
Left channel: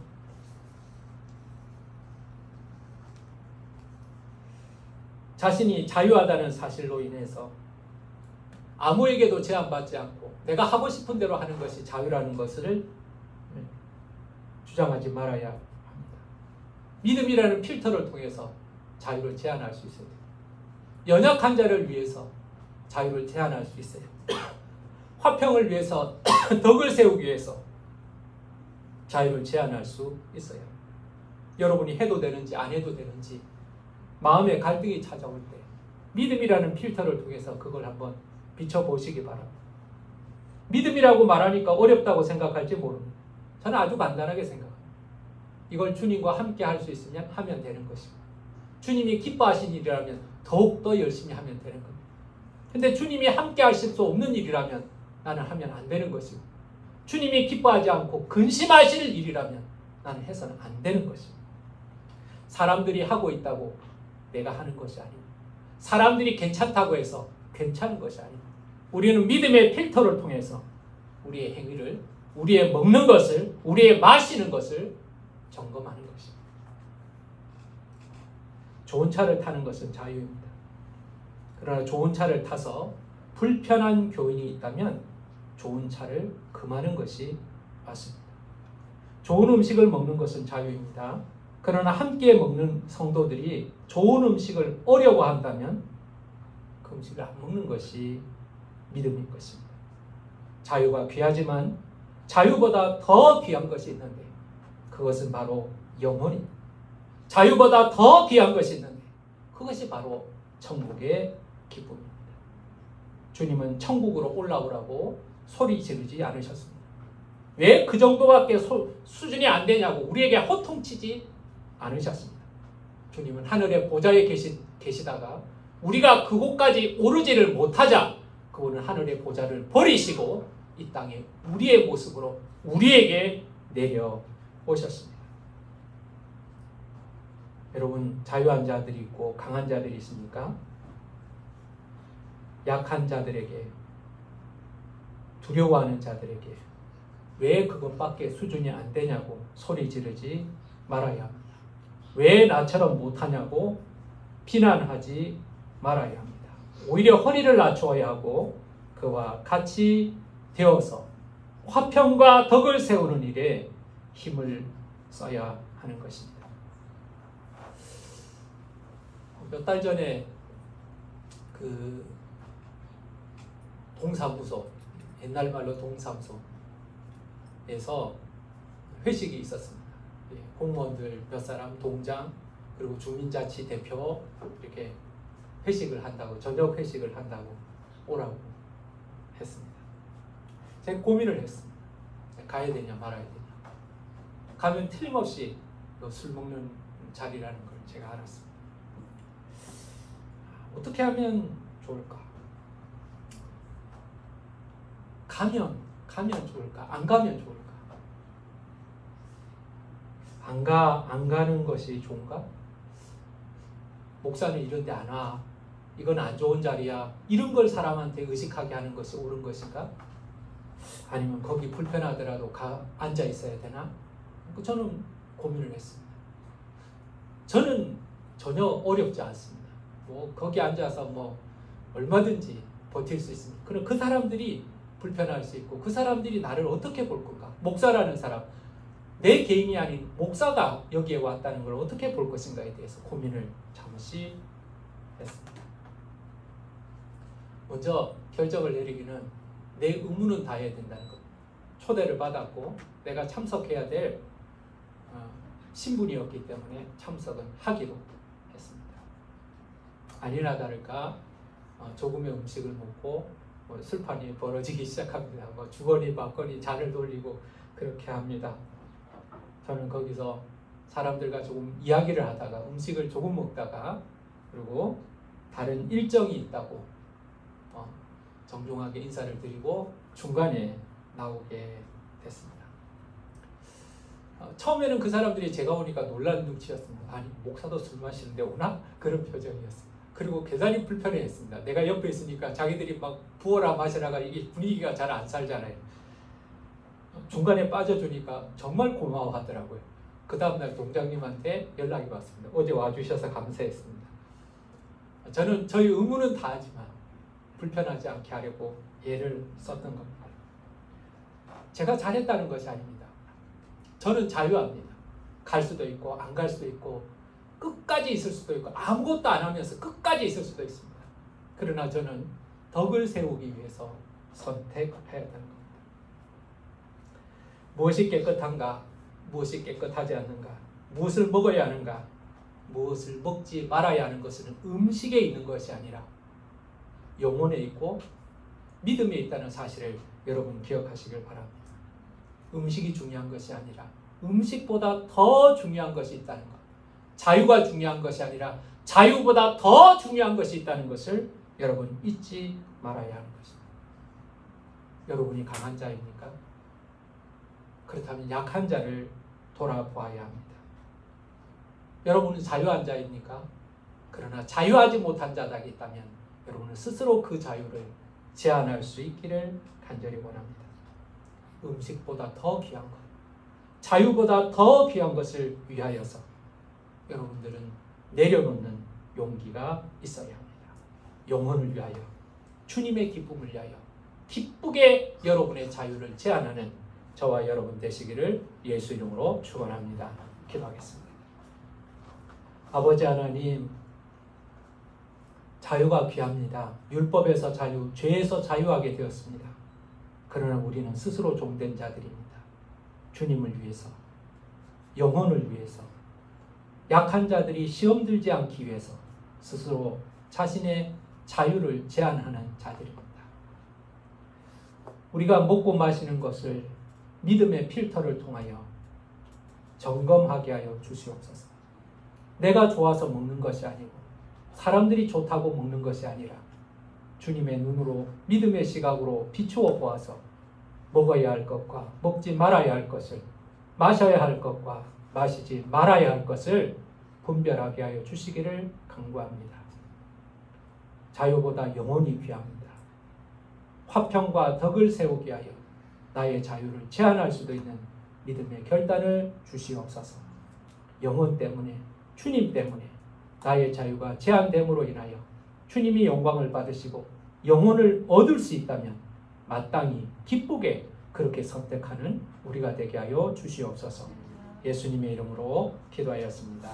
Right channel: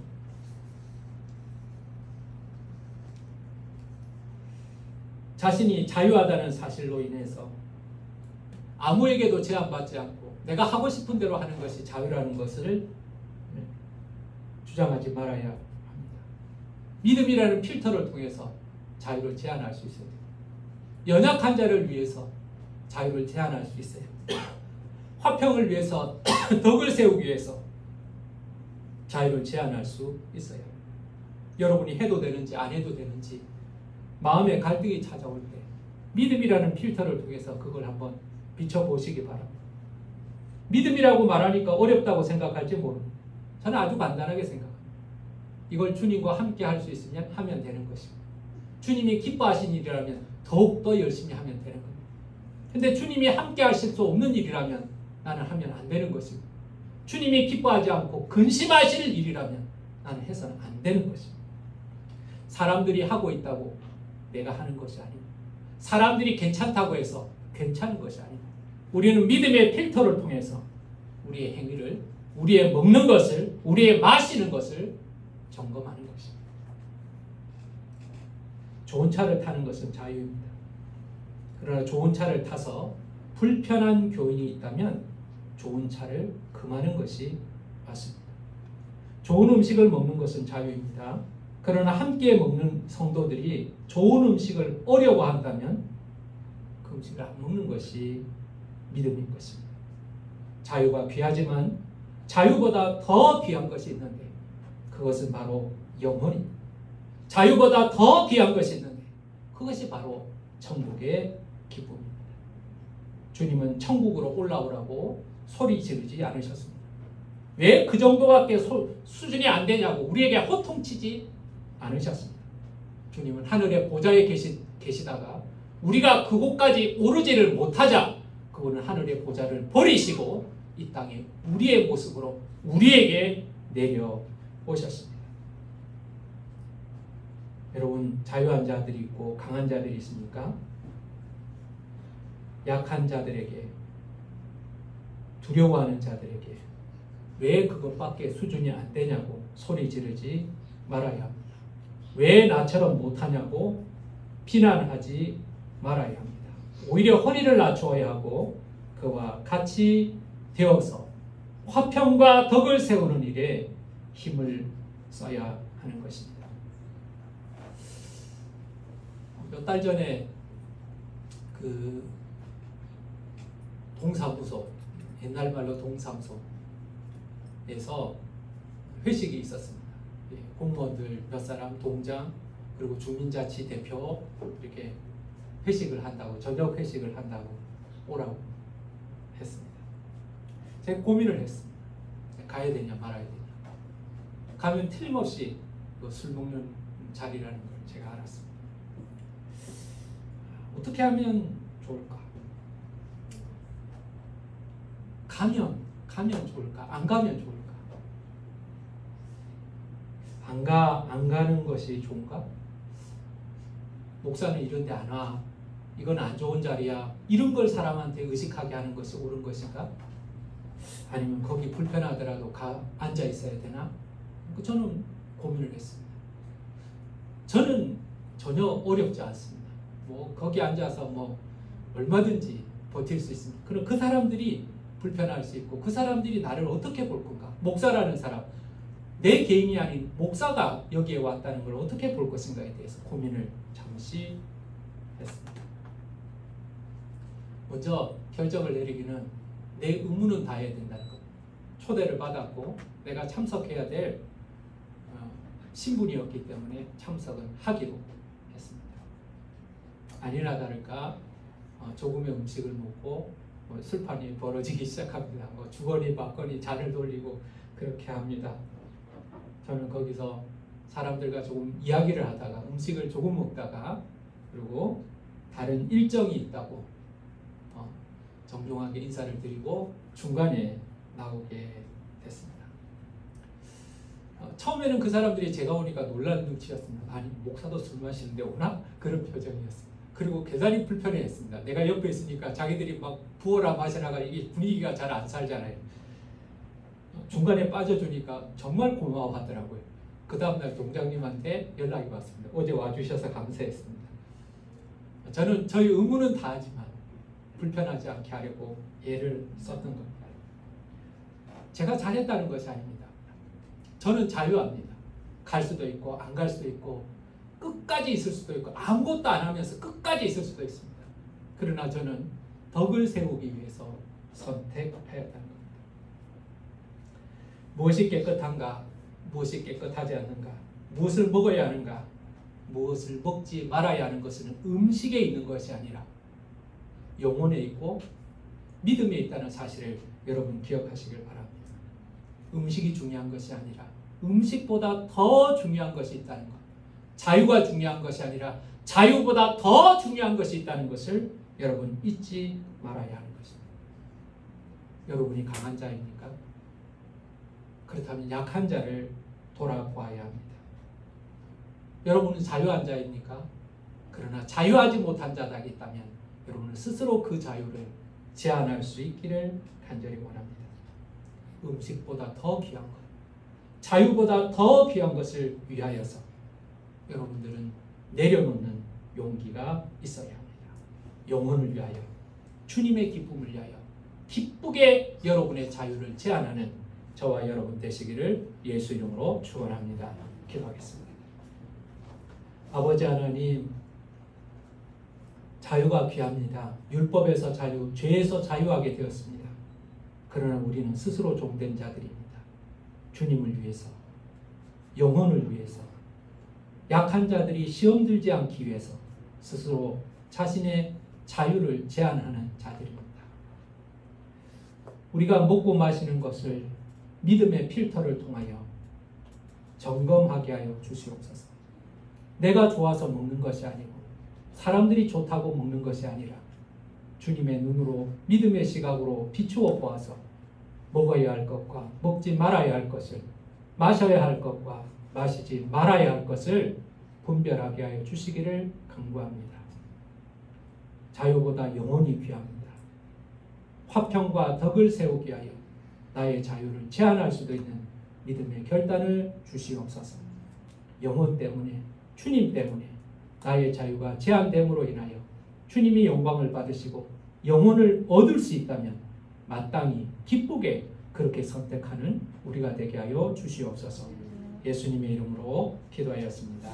자신이 자유하다는 사실로 인해서 아무에게도 제한받지 않고 내가 하고 싶은 대로 하는 것이 자유라는 것을 주장하지 말아야 합니다. 믿음이라는 필터를 통해서 자유를 제한할 수 있어요. 연약한 자를 위해서 자유를 제한할 수 있어요. 화평을 위해서 덕을 세우기 위해서 자유를 제한할 수 있어요. 여러분이 해도 되는지 안 해도 되는지 마음의 갈등이 찾아올 때 믿음이라는 필터를 통해서 그걸 한번 비춰보시기 바랍니다. 믿음이라고 말하니까 어렵다고 생각할지 모릅니다. 저는 아주 간단하게 생각합니다. 이걸 주님과 함께 할 수 있으면 하면 되는 것입니다. 주님이 기뻐하신 일이라면 더욱더 열심히 하면 되는 겁니다. 근데 주님이 함께 하실 수 없는 일이라면 나는 하면 안 되는 것입니다. 주님이 기뻐하지 않고 근심하실 일이라면 나는 해서는 안 되는 것입니다. 사람들이 하고 있다고 내가 하는 것이 아닙니다. 사람들이 괜찮다고 해서 괜찮은 것이 아닙니다. 우리는 믿음의 필터를 통해서 우리의 행위를, 우리의 먹는 것을, 우리의 마시는 것을 점검하는 것입니다. 좋은 차를 타는 것은 자유입니다. 그러나 좋은 차를 타서 불편한 교인이 있다면 좋은 차를 금하는 것이 맞습니다. 좋은 음식을 먹는 것은 자유입니다. 그러나 함께 먹는 성도들이 좋은 음식을 어려워한다면 그 음식을 안 먹는 것이 믿음인 것입니다. 자유가 귀하지만 자유보다 더 귀한 것이 있는데 그것은 바로 영혼입니다. 자유보다 더 귀한 것이 있는데 그것이 바로 천국의 기쁨입니다. 주님은 천국으로 올라오라고 소리 지르지 않으셨습니다. 왜 그 정도밖에 수준이 안 되냐고 우리에게 호통치지 않으셨습니다. 주님은 하늘의 보좌에 계시다가 우리가 그곳까지 오르지를 못하자 그분은 하늘의 보좌를 버리시고 이 땅에 우리의 모습으로 우리에게 내려오셨습니다. 여러분, 자유한 자들이 있고 강한 자들이 있습니까? 약한 자들에게, 두려워하는 자들에게 왜 그것밖에 수준이 안 되냐고 소리 지르지 말아야 합니다. 왜 나처럼 못하냐고 비난하지 말아야 합니다. 오히려 허리를 낮추어야 하고 그와 같이 되어서 화평과 덕을 세우는 일에 힘을 써야 하는 것입니다. 몇 달 전에 그 동사무소, 옛날 말로 동사무소에서 회식이 있었습니다. 공무원들 몇 사람, 동장, 그리고 주민자치 대표 이렇게 회식을 한다고, 저녁 회식을 한다고 오라고 했습니다. 제가 고민을 했습니다. 가야 되냐 말아야 되냐. 가면 틀림없이 술 먹는 자리라는 걸 제가 알았습니다. 어떻게 하면 좋을까? 가면 좋을까? 안 가면 좋을까? 안 가는 것이 좋은가? 목사는 이런 데 안 와. 이건 안 좋은 자리야. 이런 걸 사람한테 의식하게 하는 것이 옳은 것인가? 아니면 거기 불편하더라도 앉아 있어야 되나? 저는 고민을 했습니다. 저는 전혀 어렵지 않습니다. 뭐 거기 앉아서 뭐 얼마든지 버틸 수 있습니다. 그럼 그 사람들이 불편할 수 있고 그 사람들이 나를 어떻게 볼 건가? 목사라는 사람, 내 개인이 아닌 목사가 여기에 왔다는 걸 어떻게 볼 것인가에 대해서 고민을 잠시 했습니다. 먼저 결정을 내리기는 내 의무는 다해야 된다는 것. 초대를 받았고 내가 참석해야 될 신분이었기 때문에 참석은 하기로 했습니다. 아니나 다를까 조금의 음식을 먹고 술판이 벌어지기 시작합니다. 주거니 받거니 잔을 돌리고 그렇게 합니다. 저는 거기서 사람들과 조금 이야기를 하다가 음식을 조금 먹다가 그리고 다른 일정이 있다고 정중하게 인사를 드리고 중간에 나오게 됐습니다. 처음에는 그 사람들이 제가 오니까 놀란 눈치였습니다. 아니 목사도 술 마시는데 오나? 그런 표정이었습니다. 그리고 계산이 불편해했습니다. 내가 옆에 있으니까 자기들이 막 부어라 마시라가 이게 분위기가 잘 안 살잖아요. 중간에 빠져주니까 정말 고마워하더라고요. 그 다음날 동장님한테 연락이 왔습니다. 어제 와주셔서 감사했습니다. 저는 저희 의무는 다하지만 불편하지 않게 하려고 예를 썼던 겁니다. 제가 잘했다는 것이 아닙니다. 저는 자유합니다. 갈 수도 있고 안 갈 수도 있고 끝까지 있을 수도 있고 아무것도 안 하면서 끝까지 있을 수도 있습니다. 그러나 저는 덕을 세우기 위해서 선택해야 한다는 겁니다. 무엇이 깨끗한가? 무엇이 깨끗하지 않는가? 무엇을 먹어야 하는가? 무엇을 먹지 말아야 하는 것은 음식에 있는 것이 아니라 영혼에 있고 믿음에 있다는 사실을 여러분 기억하시길 바랍니다. 음식이 중요한 것이 아니라 음식보다 더 중요한 것이 있다는 것. 자유가 중요한 것이 아니라 자유보다 더 중요한 것이 있다는 것을 여러분 잊지 말아야 하는 것입니다. 여러분이 강한 자입니까? 그렇다면 약한 자를 돌아보아야 합니다. 여러분은 자유한 자입니까? 그러나 자유하지 못한 자가 있다면 여러분은 스스로 그 자유를 제한할 수 있기를 간절히 원합니다. 음식보다 더 귀한 것, 자유보다 더 귀한 것을 위하여서 여러분들은 내려놓는 용기가 있어야 합니다. 영혼을 위하여, 주님의 기쁨을 위하여 기쁘게 여러분의 자유를 제한하는 저와 여러분 되시기를 예수 이름으로 축원합니다. 기도하겠습니다. 아버지 하나님, 자유가 귀합니다. 율법에서 자유, 죄에서 자유하게 되었습니다. 그러나 우리는 스스로 종된 자들입니다. 주님을 위해서, 영혼을 위해서, 약한 자들이 시험 들지 않기 위해서 스스로 자신의 자유를 제한하는 자들입니다. 우리가 먹고 마시는 것을 믿음의 필터를 통하여 점검하게 하여 주시옵소서. 내가 좋아서 먹는 것이 아니고 사람들이 좋다고 먹는 것이 아니라 주님의 눈으로 믿음의 시각으로 비추어 보아서 먹어야 할 것과 먹지 말아야 할 것을, 마셔야 할 것과 마시지 말아야 할 것을 분별하게 하여 주시기를 간구합니다. 자유보다 영혼이 귀합니다. 화평과 덕을 세우게 하여 나의 자유를 제한할 수도 있는 믿음의 결단을 주시옵소서. 영혼 때문에, 주님 때문에 나의 자유가 제한됨으로 인하여 주님이 영광을 받으시고 영혼을 얻을 수 있다면 마땅히 기쁘게 그렇게 선택하는 우리가 되게 하여 주시옵소서. 예수님의 이름으로 기도하였습니다.